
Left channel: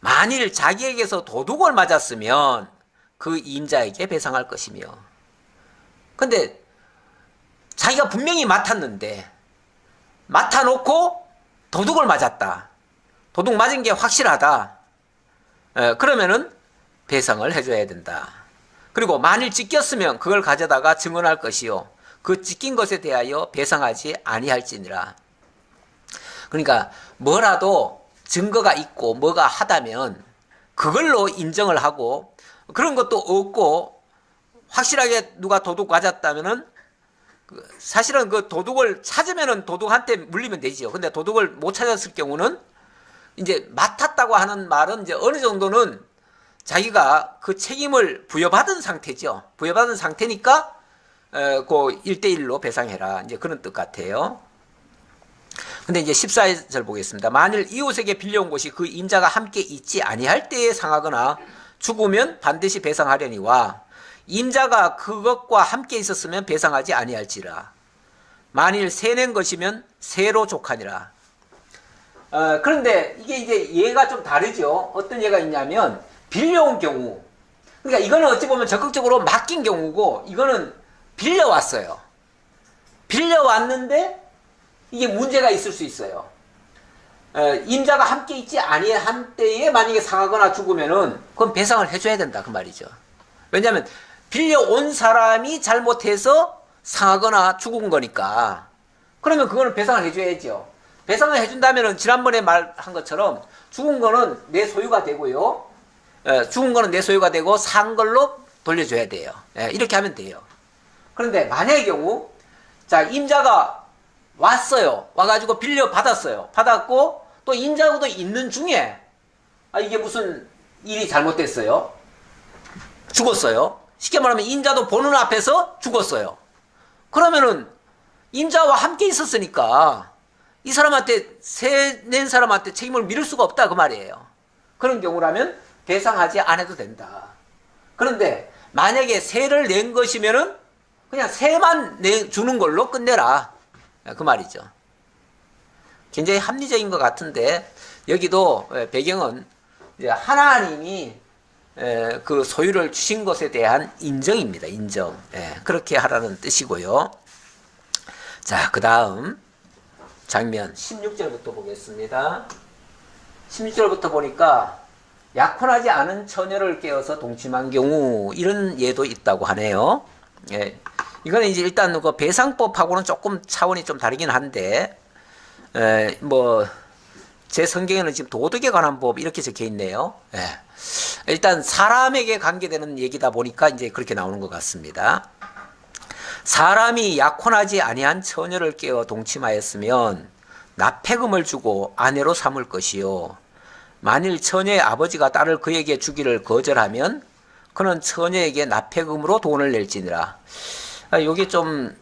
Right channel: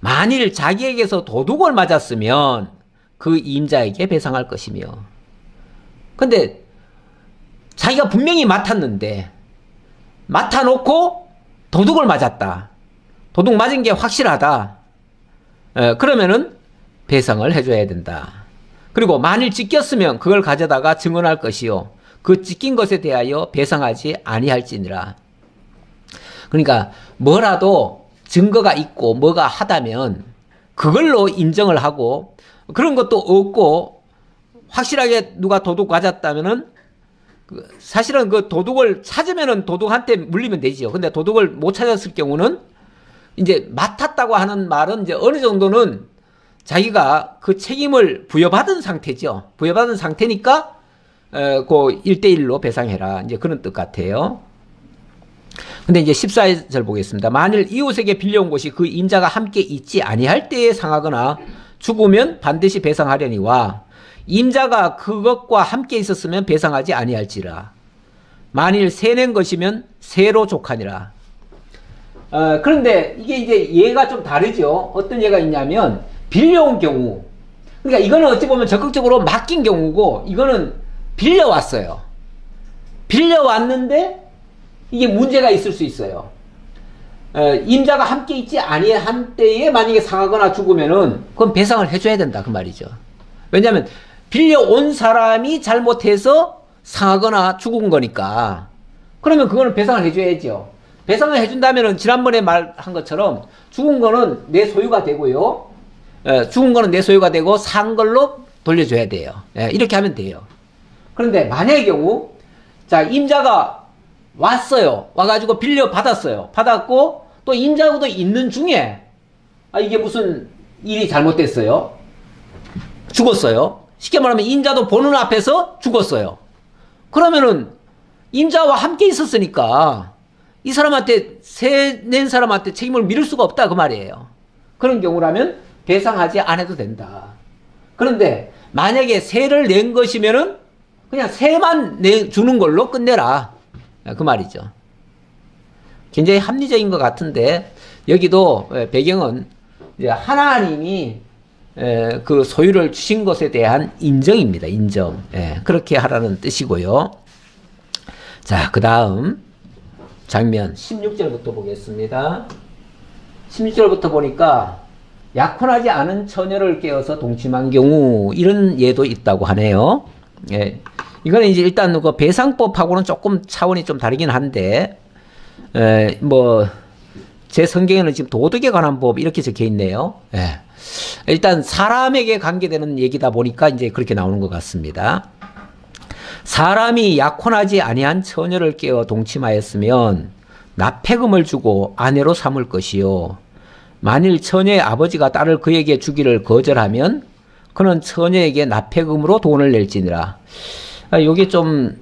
만일 자기에게서 도둑을 맞았으면 그 임자에게 배상할 것이며, 근데 자기가 분명히 맡았는데 맡아놓고 도둑을 맞았다. 도둑 맞은 게 확실하다. 그러면은 배상을 해줘야 된다. 그리고 만일 찢겼으면 그걸 가져다가 증언할 것이요. 그 찢긴 것에 대하여 배상하지 아니할지니라. 그러니까 뭐라도 증거가 있고 뭐가 하다면 그걸로 인정을 하고 그런 것도 없고 확실하게 누가 도둑 맞았다면은 사실은 그 도둑을 찾으면은 도둑한테 물리면 되지요. 근데 도둑을 못 찾았을 경우는 이제 맡았다고 하는 말은 이제 어느 정도는 자기가 그 책임을 부여받은 상태죠. 부여받은 상태니까 그 1대1로 배상해라. 이제 그런 뜻 같아요. 근데 이제 14절 보겠습니다. 만일 이웃에게 빌려온 곳이 그 임자가 함께 있지 아니할 때에 상하거나 죽으면 반드시 배상하려니와 임자가 그것과 함께 있었으면 배상하지 아니할지라. 만일 세낸 것이면 세로 족하니라. 그런데 이게 이제 예가 좀 다르죠. 어떤 예가 있냐면 빌려온 경우. 그러니까 이거는 어찌 보면 적극적으로 맡긴 경우고 이거는 빌려왔어요. 빌려왔는데 이게 문제가 있을 수 있어요. 임자가 함께 있지 아니한 때에 만약에 상하거나 죽으면은 그건 배상을 해줘야 된다 그 말이죠. 왜냐하면 빌려온 사람이 잘못해서 상하거나 죽은 거니까. 그러면 그거는 배상을 해줘야죠. 배상을 해준다면은 지난번에 말한 것처럼 죽은 거는 내 소유가 되고요. 죽은 거는 내 소유가 되고 산 걸로 돌려줘야 돼요. 이렇게 하면 돼요. 그런데 만약의 경우 자 임자가 왔어요. 와가지고 빌려 받았어요. 받았고 또 임자도 있는 중에 이게 무슨 일이 잘못됐어요. 죽었어요. 쉽게 말하면 임자도 보는 앞에서 죽었어요. 그러면은 임자와 함께 있었으니까 이 사람한테 세 낸 사람한테 책임을 미룰 수가 없다 그 말이에요. 그런 경우라면 배상하지 않아도 된다. 그런데 만약에 세를 낸 것이면은 그냥 세만 주는 걸로 끝내라 그 말이죠. 굉장히 합리적인 것 같은데 여기도 배경은 이제 하나님이 그 소유를 주신 것에 대한 인정입니다. 인정. 그렇게 하라는 뜻이고요. 자, 그 다음 장면 16절부터 보겠습니다. 16절부터 보니까 약혼하지 않은 처녀를 깨워서 동침한 경우 이런 예도 있다고 하네요. 이거는 이제 일단 그 배상법하고는 조금 차원이 좀 다르긴 한데 뭐 제 성경에는 지금 도덕에 관한 법 이렇게 적혀 있네요. 예. 일단 사람에게 관계되는 얘기다 보니까 이제 그렇게 나오는 것 같습니다. 사람이 약혼하지 아니한 처녀를 깨어 동침하였으면 납폐금을 주고 아내로 삼을 것이요. 만일 처녀의 아버지가 딸을 그에게 주기를 거절하면 그는 처녀에게 납폐금으로 돈을 낼지니라. 요게 좀,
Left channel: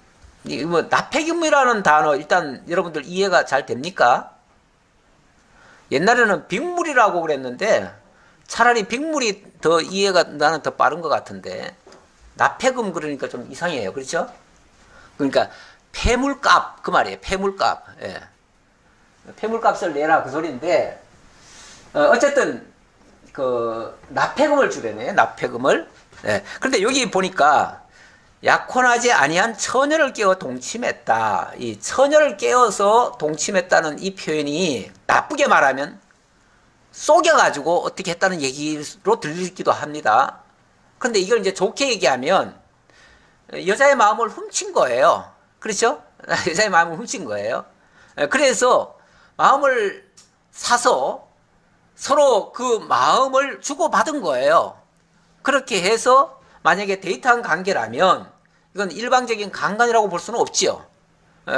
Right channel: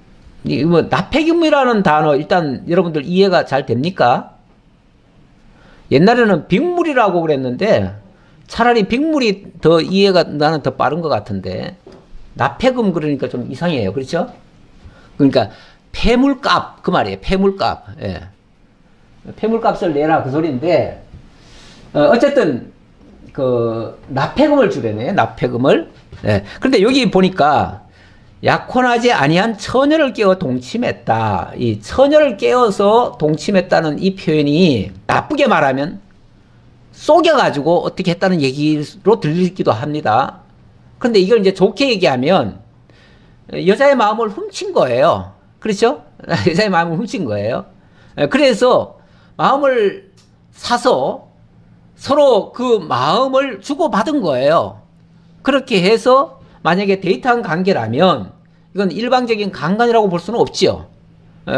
뭐, 납폐금이라는 단어, 일단 여러분들 이해가 잘 됩니까? 옛날에는 빅물이라고 그랬는데, 차라리 빅물이 더 이해가 나는 더 빠른 것 같은데, 납폐금 그러니까 좀 이상해요. 그렇죠? 그러니까, 폐물값, 그 말이에요. 폐물값. 예. 폐물값을 내라, 그 소리인데, 어쨌든, 납폐금을 주려네, 납폐금을. 예. 그런데 여기 보니까, 약혼하지 아니한 처녀를 깨어 동침했다. 이 처녀를 깨어서 동침했다는 이 표현이 나쁘게 말하면 속여가지고 어떻게 했다는 얘기로 들리기도 합니다. 그런데 이걸 이제 좋게 얘기하면 여자의 마음을 훔친 거예요. 그렇죠? 여자의 마음을 훔친 거예요. 그래서 마음을 사서 서로 그 마음을 주고받은 거예요. 그렇게 해서 만약에 데이트한 관계라면 이건 일방적인 강간이라고 볼 수는 없지요.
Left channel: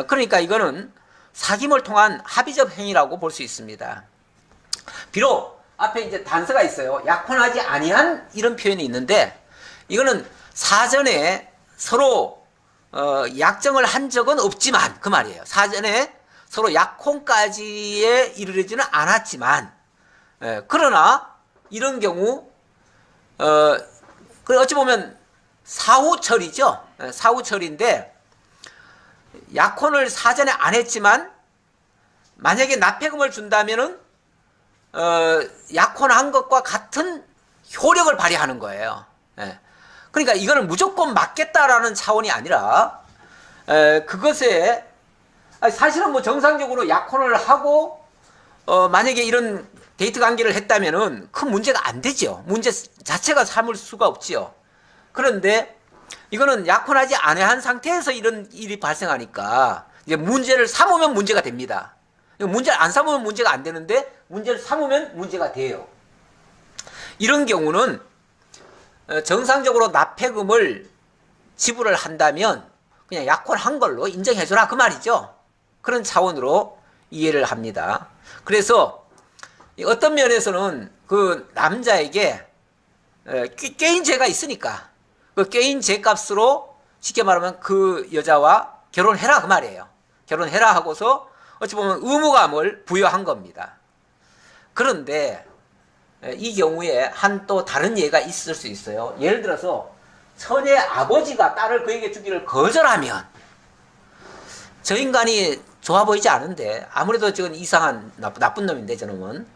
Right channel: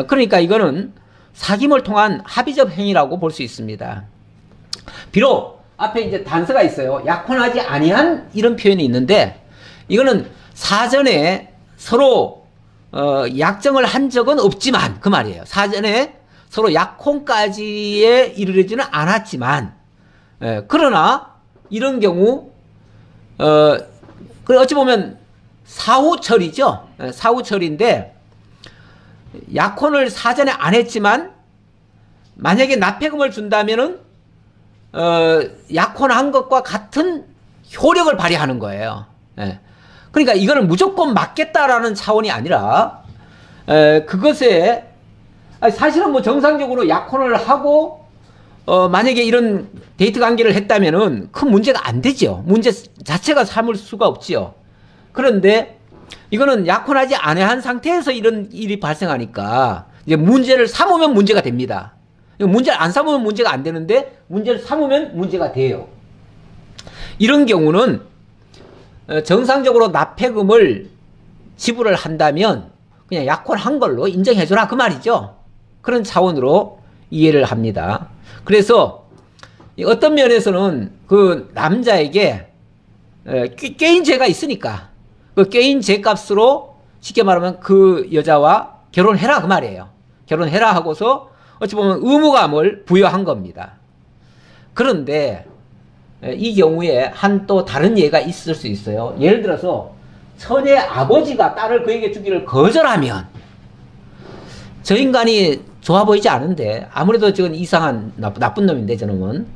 그러니까 이거는 사귐을 통한 합의적 행위라고 볼 수 있습니다. 비록 앞에 이제 단서가 있어요. 약혼하지 아니한 이런 표현이 있는데 이거는 사전에 서로 약정을 한 적은 없지만 그 말이에요. 사전에 서로 약혼까지에 이르지는 않았지만 그러나 이런 경우 어찌 보면 사후처리죠. 사후처리인데 약혼을 사전에 안 했지만 만약에 납폐금을 준다면은 약혼한 것과 같은 효력을 발휘하는 거예요. 그러니까 이거는 무조건 맞겠다라는 차원이 아니라 그것에 사실은 뭐 정상적으로 약혼을 하고 만약에 이런 데이트 관계를 했다면은 큰 문제가 안 되죠. 문제 자체가 삼을 수가 없지요. 그런데 이거는 약혼하지 않은 상태에서 이런 일이 발생하니까 이제 문제를 삼으면 문제가 됩니다. 문제를 안 삼으면 문제가 안 되는데 문제를 삼으면 문제가 돼요. 이런 경우는 정상적으로 납폐금을 지불을 한다면 그냥 약혼한 걸로 인정해줘라 그 말이죠. 그런 차원으로 이해를 합니다. 그래서 어떤 면에서는 그 남자에게 꾀인 죄가 있으니까 그 꾀인 죄값으로 쉽게 말하면 그 여자와 결혼해라 그 말이에요. 결혼해라 하고서 어찌 보면 의무감을 부여한 겁니다. 그런데 이 경우에 한 또 다른 예가 있을 수 있어요. 예를 들어서 처녀의 아버지가 딸을 그에게 주기를 거절하면 저 인간이 좋아 보이지 않은데 아무래도 지금 이상한 나쁜 놈인데 저놈은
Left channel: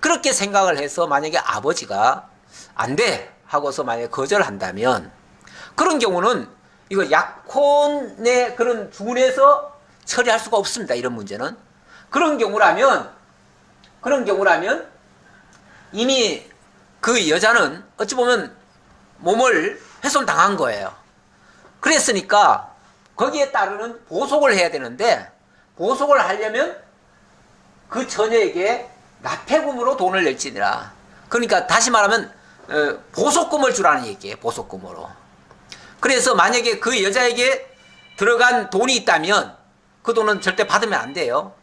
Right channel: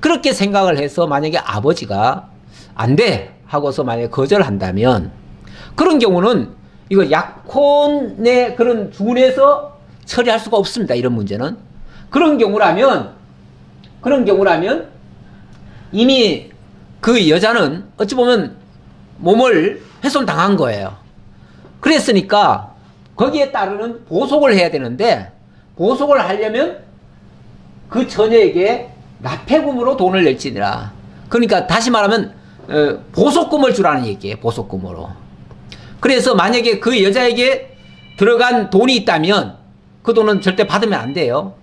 그렇게 생각을 해서 만약에 아버지가 안 돼 하고서 만약에 거절한다면 그런 경우는 이거 약혼의 그런 준에서 처리할 수가 없습니다. 이런 문제는 그런 경우라면 이미 그 여자는 어찌 보면 몸을 훼손당한 거예요. 그랬으니까 거기에 따르는 보속을 해야 되는데 보속을 하려면 그 처녀에게 납폐금으로 돈을 낼지니라. 그러니까 다시 말하면 보속금을 주라는 얘기예요. 보속금으로. 그래서 만약에 그 여자에게 들어간 돈이 있다면 그 돈은 절대 받으면 안 돼요.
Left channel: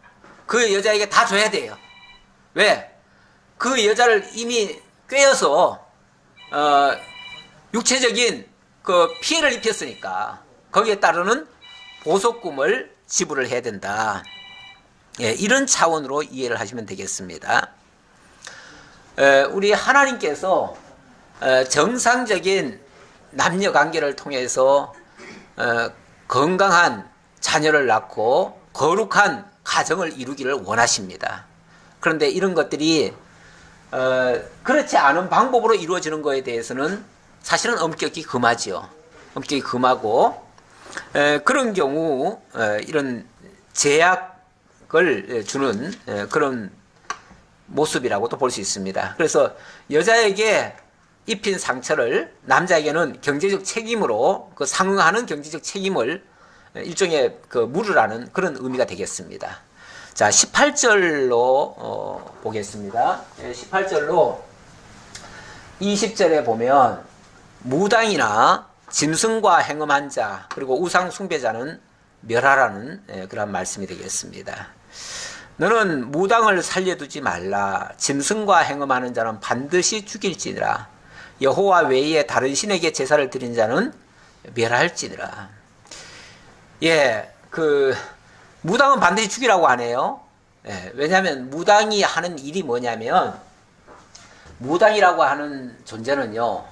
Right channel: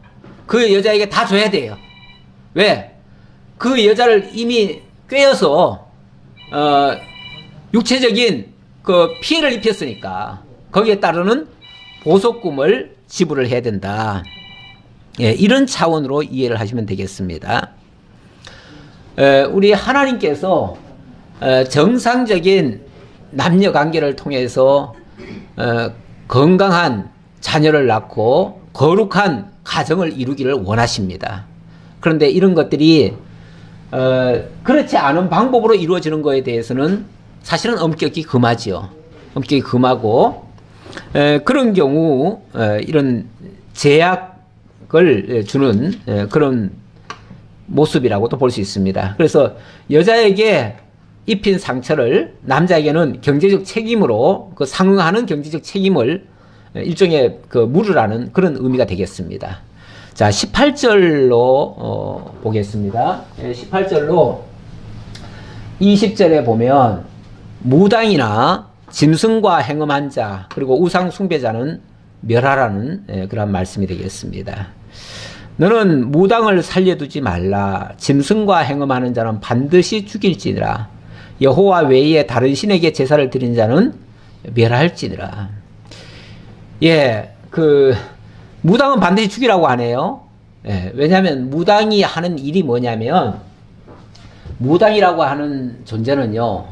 그 여자에게 다 줘야 돼요. 왜? 그 여자를 이미 꿰어서 육체적인 그 피해를 입혔으니까 거기에 따르는 보속금을 지불을 해야 된다. 예, 이런 차원으로 이해를 하시면 되겠습니다. 우리 하나님께서 정상적인 남녀 관계를 통해서 건강한 자녀를 낳고 거룩한 가정을 이루기를 원하십니다. 그런데 이런 것들이 그렇지 않은 방법으로 이루어지는 것에 대해서는 사실은 엄격히 금하지요. 엄격히 금하고 그런 경우 이런 제약을 주는 그런 모습이라고도 볼 수 있습니다. 그래서 여자에게 입힌 상처를 남자에게는 경제적 책임으로 그 상응하는 경제적 책임을 일종의 그 물으라는 그런 의미가 되겠습니다. 자, 18절로 보겠습니다. 18절로 20절에 보면 무당이나 짐승과 행음한 자 그리고 우상 숭배자는 멸하라는 그런 말씀이 되겠습니다. 너는 무당을 살려두지 말라. 짐승과 행음하는 자는 반드시 죽일지니라. 여호와 외에 다른 신에게 제사를 드린 자는 멸할지니라. 예, 무당은 반드시 죽이라고 하네요. 예, 왜냐하면 무당이 하는 일이 뭐냐면, 무당이라고 하는 존재는요,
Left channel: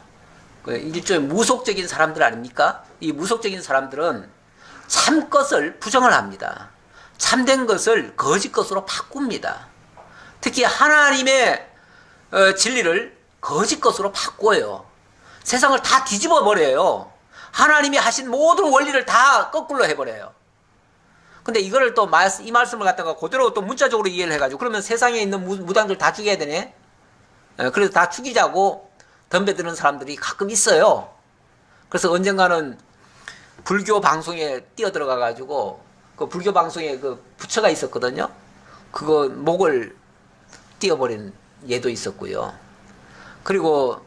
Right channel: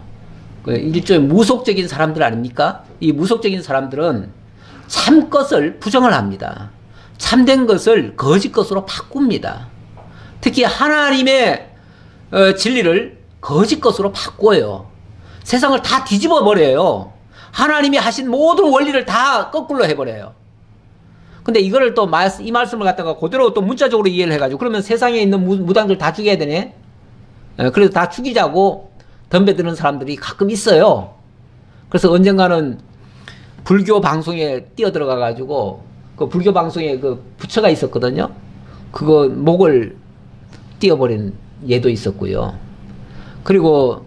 일종의 무속적인 사람들 아닙니까? 이 무속적인 사람들은 참 것을 부정을 합니다. 참된 것을 거짓 것으로 바꿉니다. 특히 하나님의 진리를 거짓 것으로 바꿔요. 세상을 다 뒤집어 버려요. 하나님이 하신 모든 원리를 다 거꾸로 해버려요. 근데 이거를 또 이 말씀을 갖다가 그대로 또 문자적으로 이해를 해가지고 그러면 세상에 있는 무당들 다 죽여야 되네. 그래서 다 죽이자고 덤벼드는 사람들이 가끔 있어요. 그래서 언젠가는 불교 방송에 뛰어들어가가지고 그 불교 방송에 그 부처가 있었거든요. 그거 목을 띄어버린 예도 있었고요. 그리고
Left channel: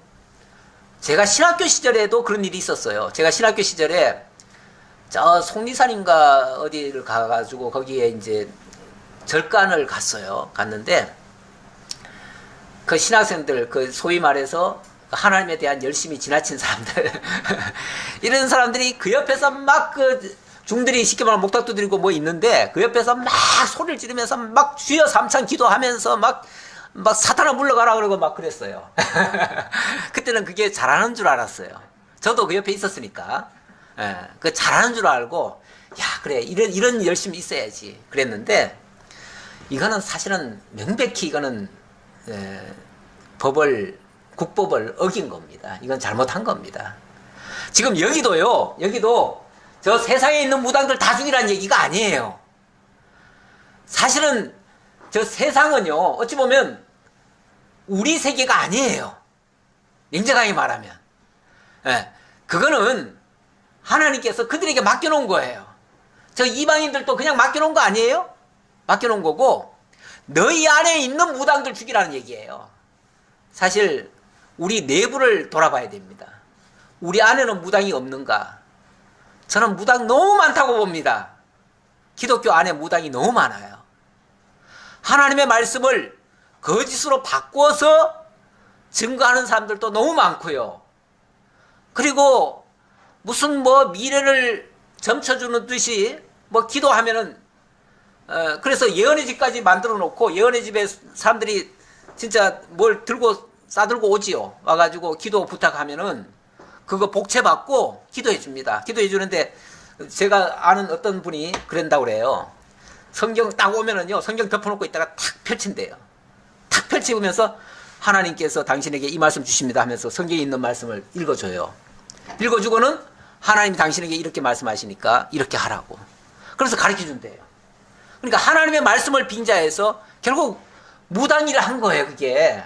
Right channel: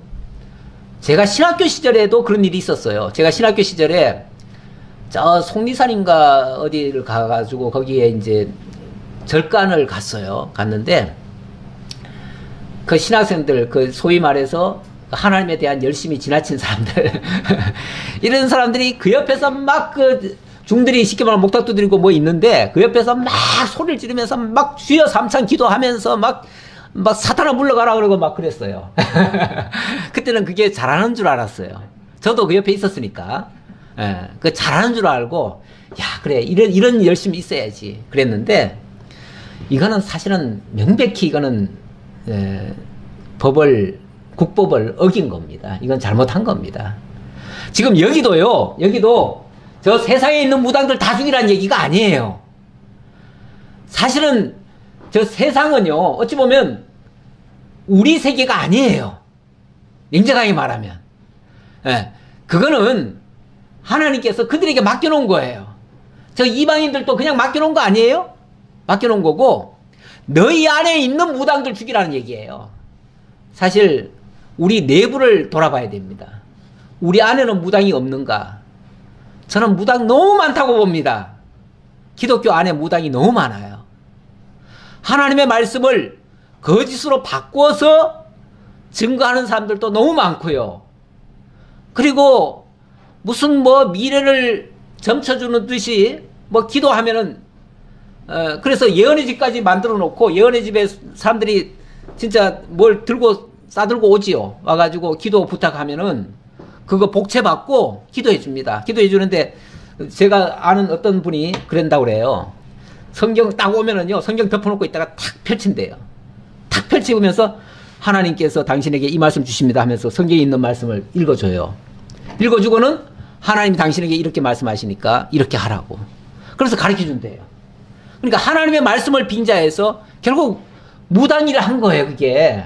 제가 신학교 시절에도 그런 일이 있었어요. 제가 신학교 시절에 저 속리산인가 어디를 가가지고 거기에 이제 절간을 갔어요. 갔는데 그 신학생들, 그 소위 말해서 하나님에 대한 열심이 지나친 사람들 이런 사람들이 그 옆에서 막 그 중들이 쉽게 말하면 목탁도 드리고 뭐 있는데 그 옆에서 막 소리를 지르면서 막 주여 삼창 기도하면서 막 사탄아 물러가라 그러고 막 그랬어요. 그때는 그게 잘하는 줄 알았어요. 저도 그 옆에 있었으니까. 예, 그 잘하는 줄 알고, 야, 그래, 이런 열심이 있어야지. 그랬는데, 이거는 사실은 명백히 이거는, 국법을 어긴 겁니다. 이건 잘못한 겁니다. 지금 여기도 저 세상에 있는 무당들 다 죽이라는 얘기가 아니에요. 사실은 저 세상은요, 어찌 보면 우리 세계가 아니에요. 냉정하게 말하면. 예, 그거는 하나님께서 그들에게 맡겨놓은 거예요. 저 이방인들도 그냥 맡겨놓은 거 아니에요? 맡겨놓은 거고, 너희 안에 있는 무당들 죽이라는 얘기예요. 사실 우리 내부를 돌아봐야 됩니다. 우리 안에는 무당이 없는가? 저는 무당 너무 많다고 봅니다. 기독교 안에 무당이 너무 많아요. 하나님의 말씀을 거짓으로 바꿔서 증거하는 사람들도 너무 많고요. 그리고 무슨 미래를 점쳐주는 듯이 기도하면은 그래서 예언의 집까지 만들어 놓고 예언의 집에 사람들이 진짜 뭘 싸들고 오지요. 와가지고 기도 부탁하면은 그거 복채 받고 기도해 줍니다. 기도해 주는데 제가 아는 어떤 분이 그런다고 그래요. 성경 딱 오면은요, 성경 덮어놓고 있다가 탁 펼친대요. 탁 펼치면서 하나님께서 당신에게 이 말씀 주십니다 하면서 성경에 있는 말씀을 읽어줘요. 읽어주고는 하나님이 당신에게 이렇게 말씀하시니까 이렇게 하라고. 그래서 가르쳐 준대요. 그러니까 하나님의 말씀을 빙자해서 결국 무당일을 한 거예요, 그게.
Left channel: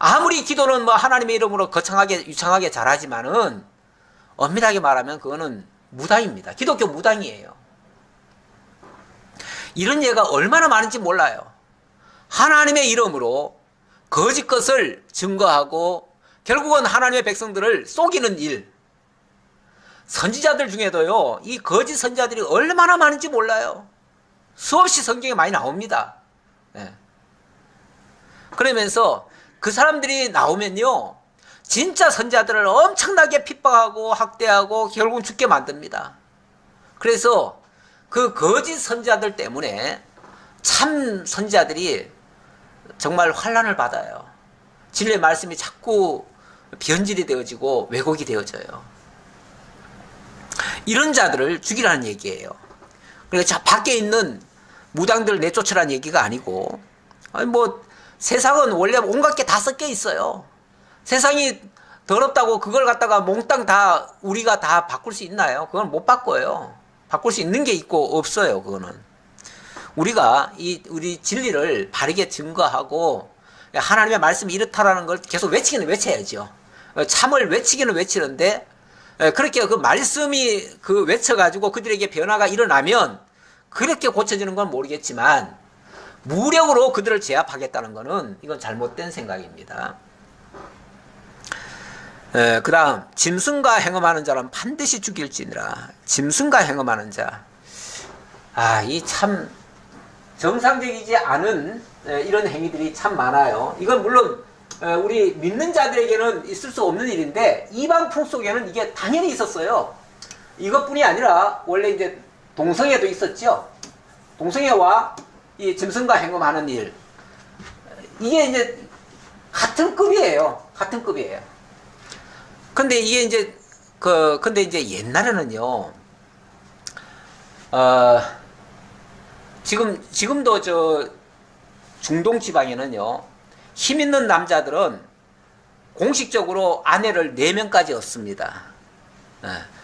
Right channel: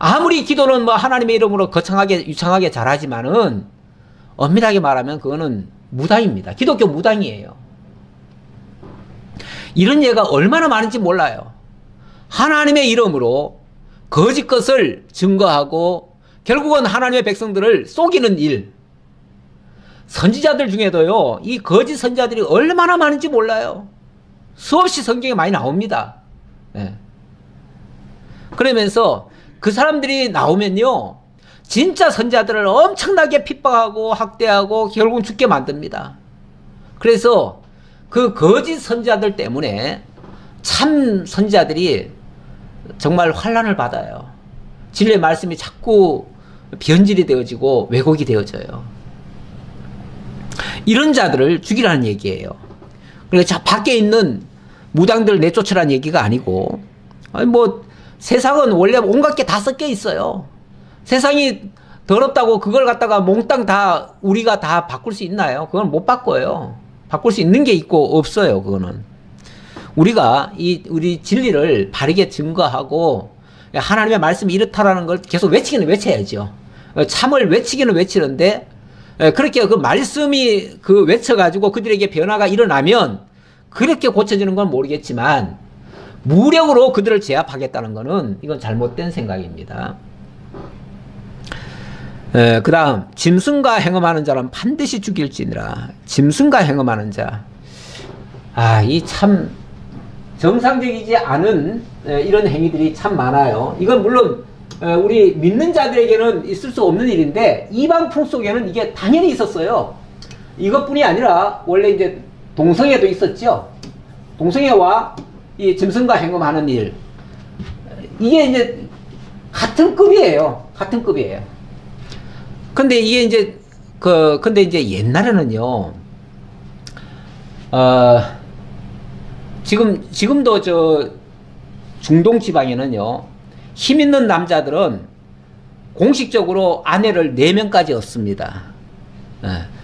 아무리 기도는 하나님의 이름으로 거창하게, 유창하게 잘하지만은 엄밀하게 말하면 그거는 무당입니다. 기독교 무당이에요. 이런 예가 얼마나 많은지 몰라요. 하나님의 이름으로 거짓 것을 증거하고 결국은 하나님의 백성들을 속이는 일. 선지자들 중에도요, 이 거짓 선지자들이 얼마나 많은지 몰라요. 수없이 성경에 많이 나옵니다. 네. 그러면서 그 사람들이 나오면요, 진짜 선지자들을 엄청나게 핍박하고 학대하고 결국은 죽게 만듭니다. 그래서 그 거짓 선지자들 때문에 참 선지자들이 정말 환난을 받아요. 진리의 말씀이 자꾸 변질이 되어지고 왜곡이 되어져요. 이런 자들을 죽이라는 얘기예요. 그러니까 밖에 있는 무당들 내쫓으라는 얘기가 아니고, 세상은 원래 온갖 게 다 섞여 있어요. 세상이 더럽다고 그걸 갖다가 몽땅 다 우리가 다 바꿀 수 있나요? 그건 못 바꿔요. 바꿀 수 있는 게 있고 없어요. 그거는 우리가 우리 진리를 바르게 증거하고 하나님의 말씀이 이렇다라는 걸 계속 외치기는 외쳐야죠. 참을 외치기는 외치는데 그렇게 그 말씀이 외쳐가지고 그들에게 변화가 일어나면 그렇게 고쳐지는 건 모르겠지만 무력으로 그들을 제압하겠다는 것은 이건 잘못된 생각입니다. 그 다음 짐승과 행음하는 자는 반드시 죽일지니라. 짐승과 행음하는 자, 이 참 정상적이지 않은 이런 행위들이 참 많아요. 이건 물론 우리 믿는 자들에게는 있을 수 없는 일인데 이방 풍속에는 이게 당연히 있었어요. 이것뿐이 아니라 원래 이제 동성애도 있었죠. 동성애와 이 짐승과 행음하는 일, 이게 이제 같은 급이에요. 같은 급이에요. 근데 이게 이제 근데 이제 옛날에는요, 지금도 저 중동 지방에는요, 힘 있는 남자들은 공식적으로 아내를 4명까지 얻습니다.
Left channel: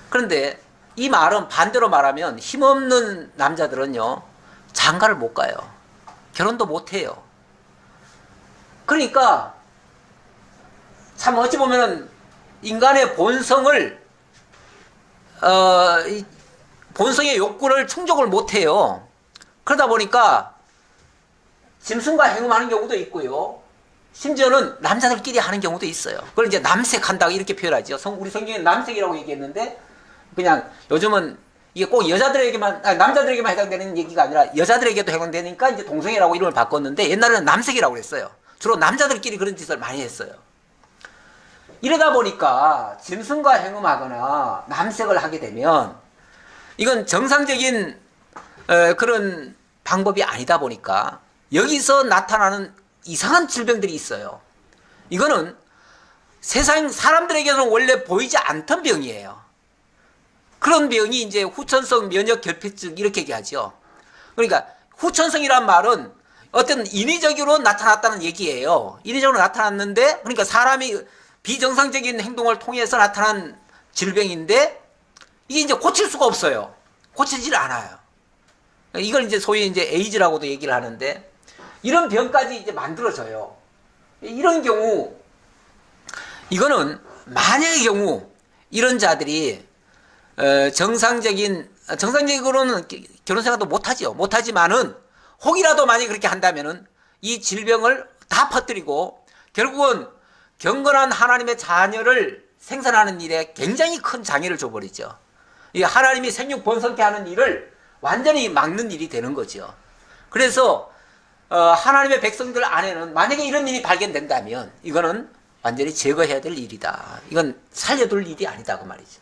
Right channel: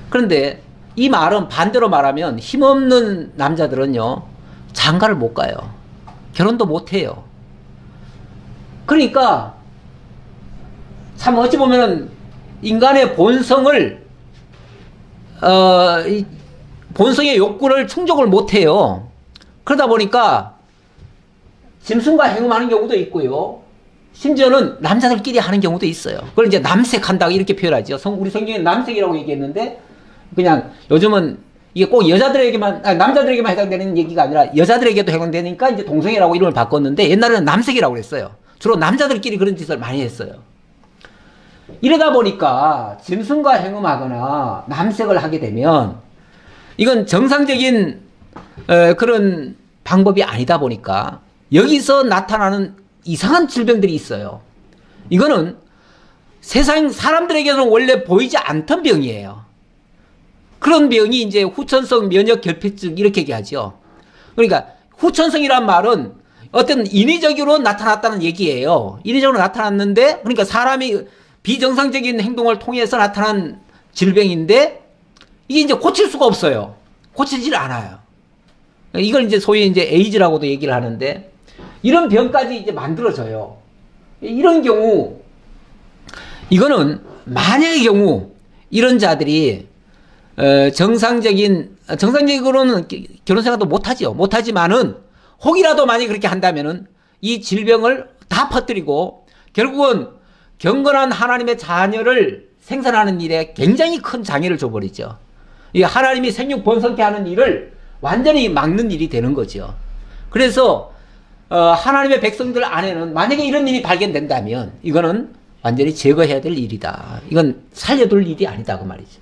그런데 이 말은 반대로 말하면 힘없는 남자들은요, 장가를 못 가요. 결혼도 못 해요. 그러니까 참 어찌 보면은 인간의 본성을 본성의 욕구를 충족을 못 해요. 그러다 보니까 짐승과 행음하는 경우도 있고요. 심지어는 남자들끼리 하는 경우도 있어요. 그걸 이제 남색한다고 이렇게 표현하죠. 우리 성경에 남색이라고 얘기했는데, 그냥 요즘은 이게 꼭 여자들에게만, 남자들에게만 해당되는 얘기가 아니라 여자들에게도 해당되니까 이제 동성애라고 이름을 바꿨는데, 옛날에는 남색이라고 그랬어요. 주로 남자들끼리 그런 짓을 많이 했어요. 이러다 보니까 짐승과 행음하거나 남색을 하게 되면 이건 정상적인 그런 방법이 아니다 보니까 여기서 나타나는 이상한 질병들이 있어요. 이거는 세상 사람들에게는 원래 보이지 않던 병이에요. 그런 병이 이제 후천성 면역 결핍증 이렇게 얘기하죠. 그러니까 후천성이란 말은 어떤 인위적으로 나타났다는 얘기예요. 인위적으로 나타났는데, 그러니까 사람이 비정상적인 행동을 통해서 나타난 질병인데 이게 이제 고칠 수가 없어요. 고치질 않아요. 이걸 이제 소위 이제 에이즈라고도 얘기를 하는데, 이런 병까지 이제 만들어져요. 이런 경우, 이거는 만약의 경우 이런 자들이 정상적으로는 결혼 생활도 못하죠. 못하지만은 혹이라도 만약에 그렇게 한다면은 이 질병을 다 퍼뜨리고 결국은 경건한 하나님의 자녀를 생산하는 일에 굉장히 큰 장애를 줘버리죠. 이 하나님이 생육 번성케 하는 일을 완전히 막는 일이 되는 거죠. 그래서 하나님의 백성들 안에는 만약에 이런 일이 발견된다면 이거는 완전히 제거해야 될 일이다. 이건 살려둘 일이 아니다 그 말이죠.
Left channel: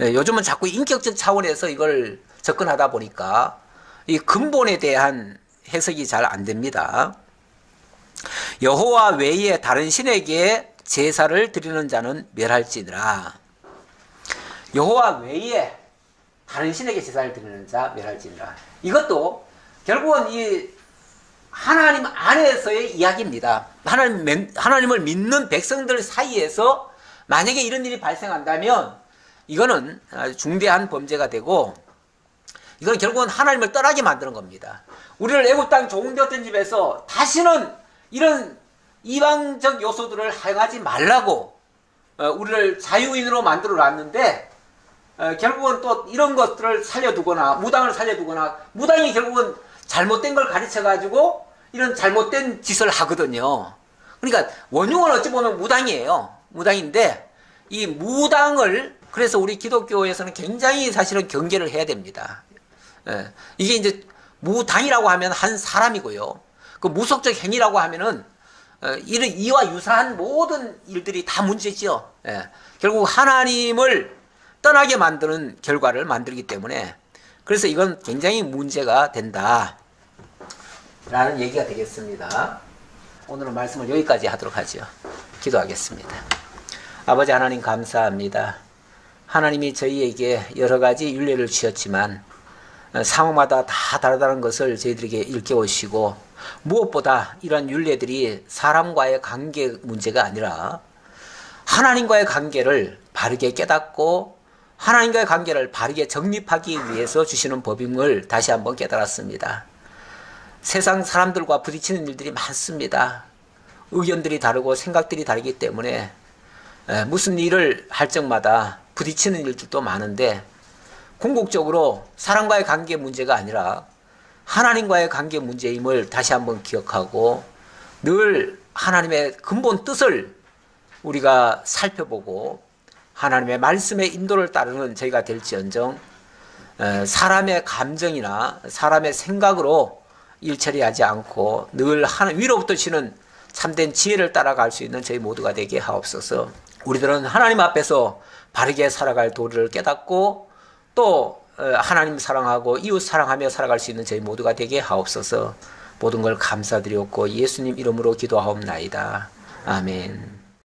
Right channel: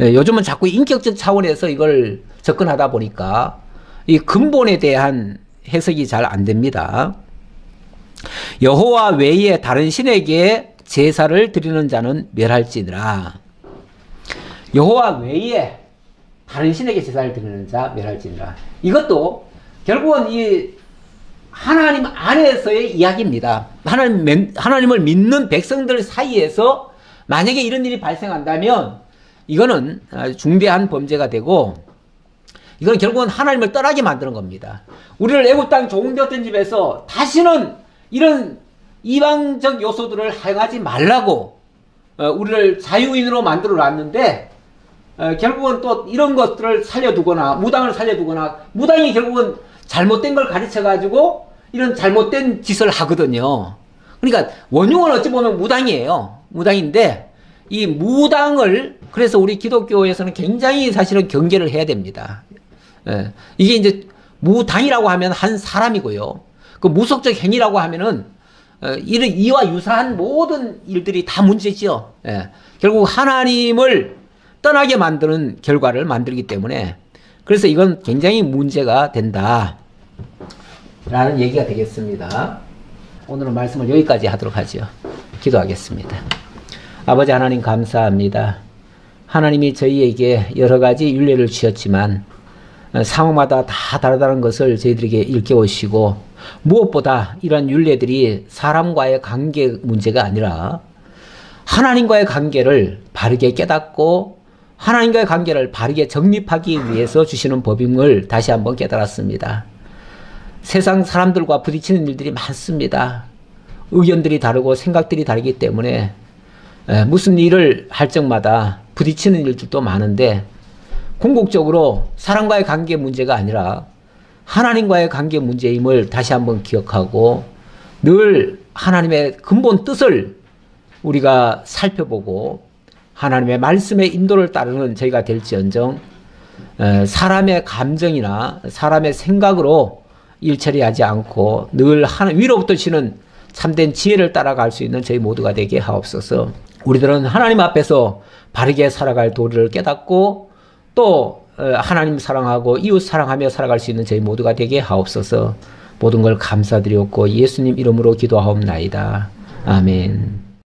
요즘은 자꾸 인격적 차원에서 이걸 접근하다 보니까 이 근본에 대한 해석이 잘 안 됩니다. 여호와 외에 다른 신에게 제사를 드리는 자는 멸할지니라. 여호와 외에 다른 신에게 제사를 드리는 자 멸할지니라. 이것도 결국은 이 하나님 안에서의 이야기입니다. 하나님을 믿는 백성들 사이에서 만약에 이런 일이 발생한다면 이거는 중대한 범죄가 되고, 이건 결국은 하나님을 떠나게 만드는 겁니다. 우리를 애굽 땅 종되었던 집에서 다시는 이런 이방적 요소들을 행하지 말라고 우리를 자유인으로 만들어 놨는데, 결국은 또 이런 것들을 살려두거나 무당을 살려두거나, 무당이 결국은 잘못된 걸 가르쳐가지고 이런 잘못된 짓을 하거든요. 그러니까 원흉은 어찌 보면 무당이에요. 무당인데 이 무당을, 그래서 우리 기독교에서는 굉장히 사실은 경계를 해야 됩니다. 이게 이제 무당이라고 하면 한 사람이고요. 그 무속적 행위라고 하면은 이와 유사한 모든 일들이 다 문제죠. 결국 하나님을 떠나게 만드는 결과를 만들기 때문에, 그래서 이건 굉장히 문제가 된다 라는 얘기가 되겠습니다. 오늘은 말씀을 여기까지 하도록 하죠. 기도하겠습니다. 아버지 하나님 감사합니다. 하나님이 저희에게 여러 가지 율례를 주셨지만 상황마다 다 다르다는 것을 저희들에게 일깨우시고, 무엇보다 이런 율례들이 사람과의 관계 문제가 아니라 하나님과의 관계를 바르게 깨닫고 하나님과의 관계를 바르게 정립하기 위해서 주시는 법임을 다시 한번 깨달았습니다. 세상 사람들과 부딪히는 일들이 많습니다. 의견들이 다르고 생각들이 다르기 때문에 무슨 일을 할 적마다 부딪히는 일들도 많은데, 궁극적으로 사람과의 관계 문제가 아니라 하나님과의 관계 문제임을 다시 한번 기억하고 늘 하나님의 근본 뜻을 우리가 살펴보고 하나님의 말씀의 인도를 따르는 저희가 될지언정 사람의 감정이나 사람의 생각으로 일 처리하지 않고 늘 위로부터 주시는 참된 지혜를 따라갈 수 있는 저희 모두가 되게 하옵소서. 우리들은 하나님 앞에서 바르게 살아갈 도리를 깨닫고 또 하나님 사랑하고 이웃 사랑하며 살아갈 수 있는 저희 모두가 되게 하옵소서. 모든 걸 감사드리옵고 예수님 이름으로 기도하옵나이다. 아멘.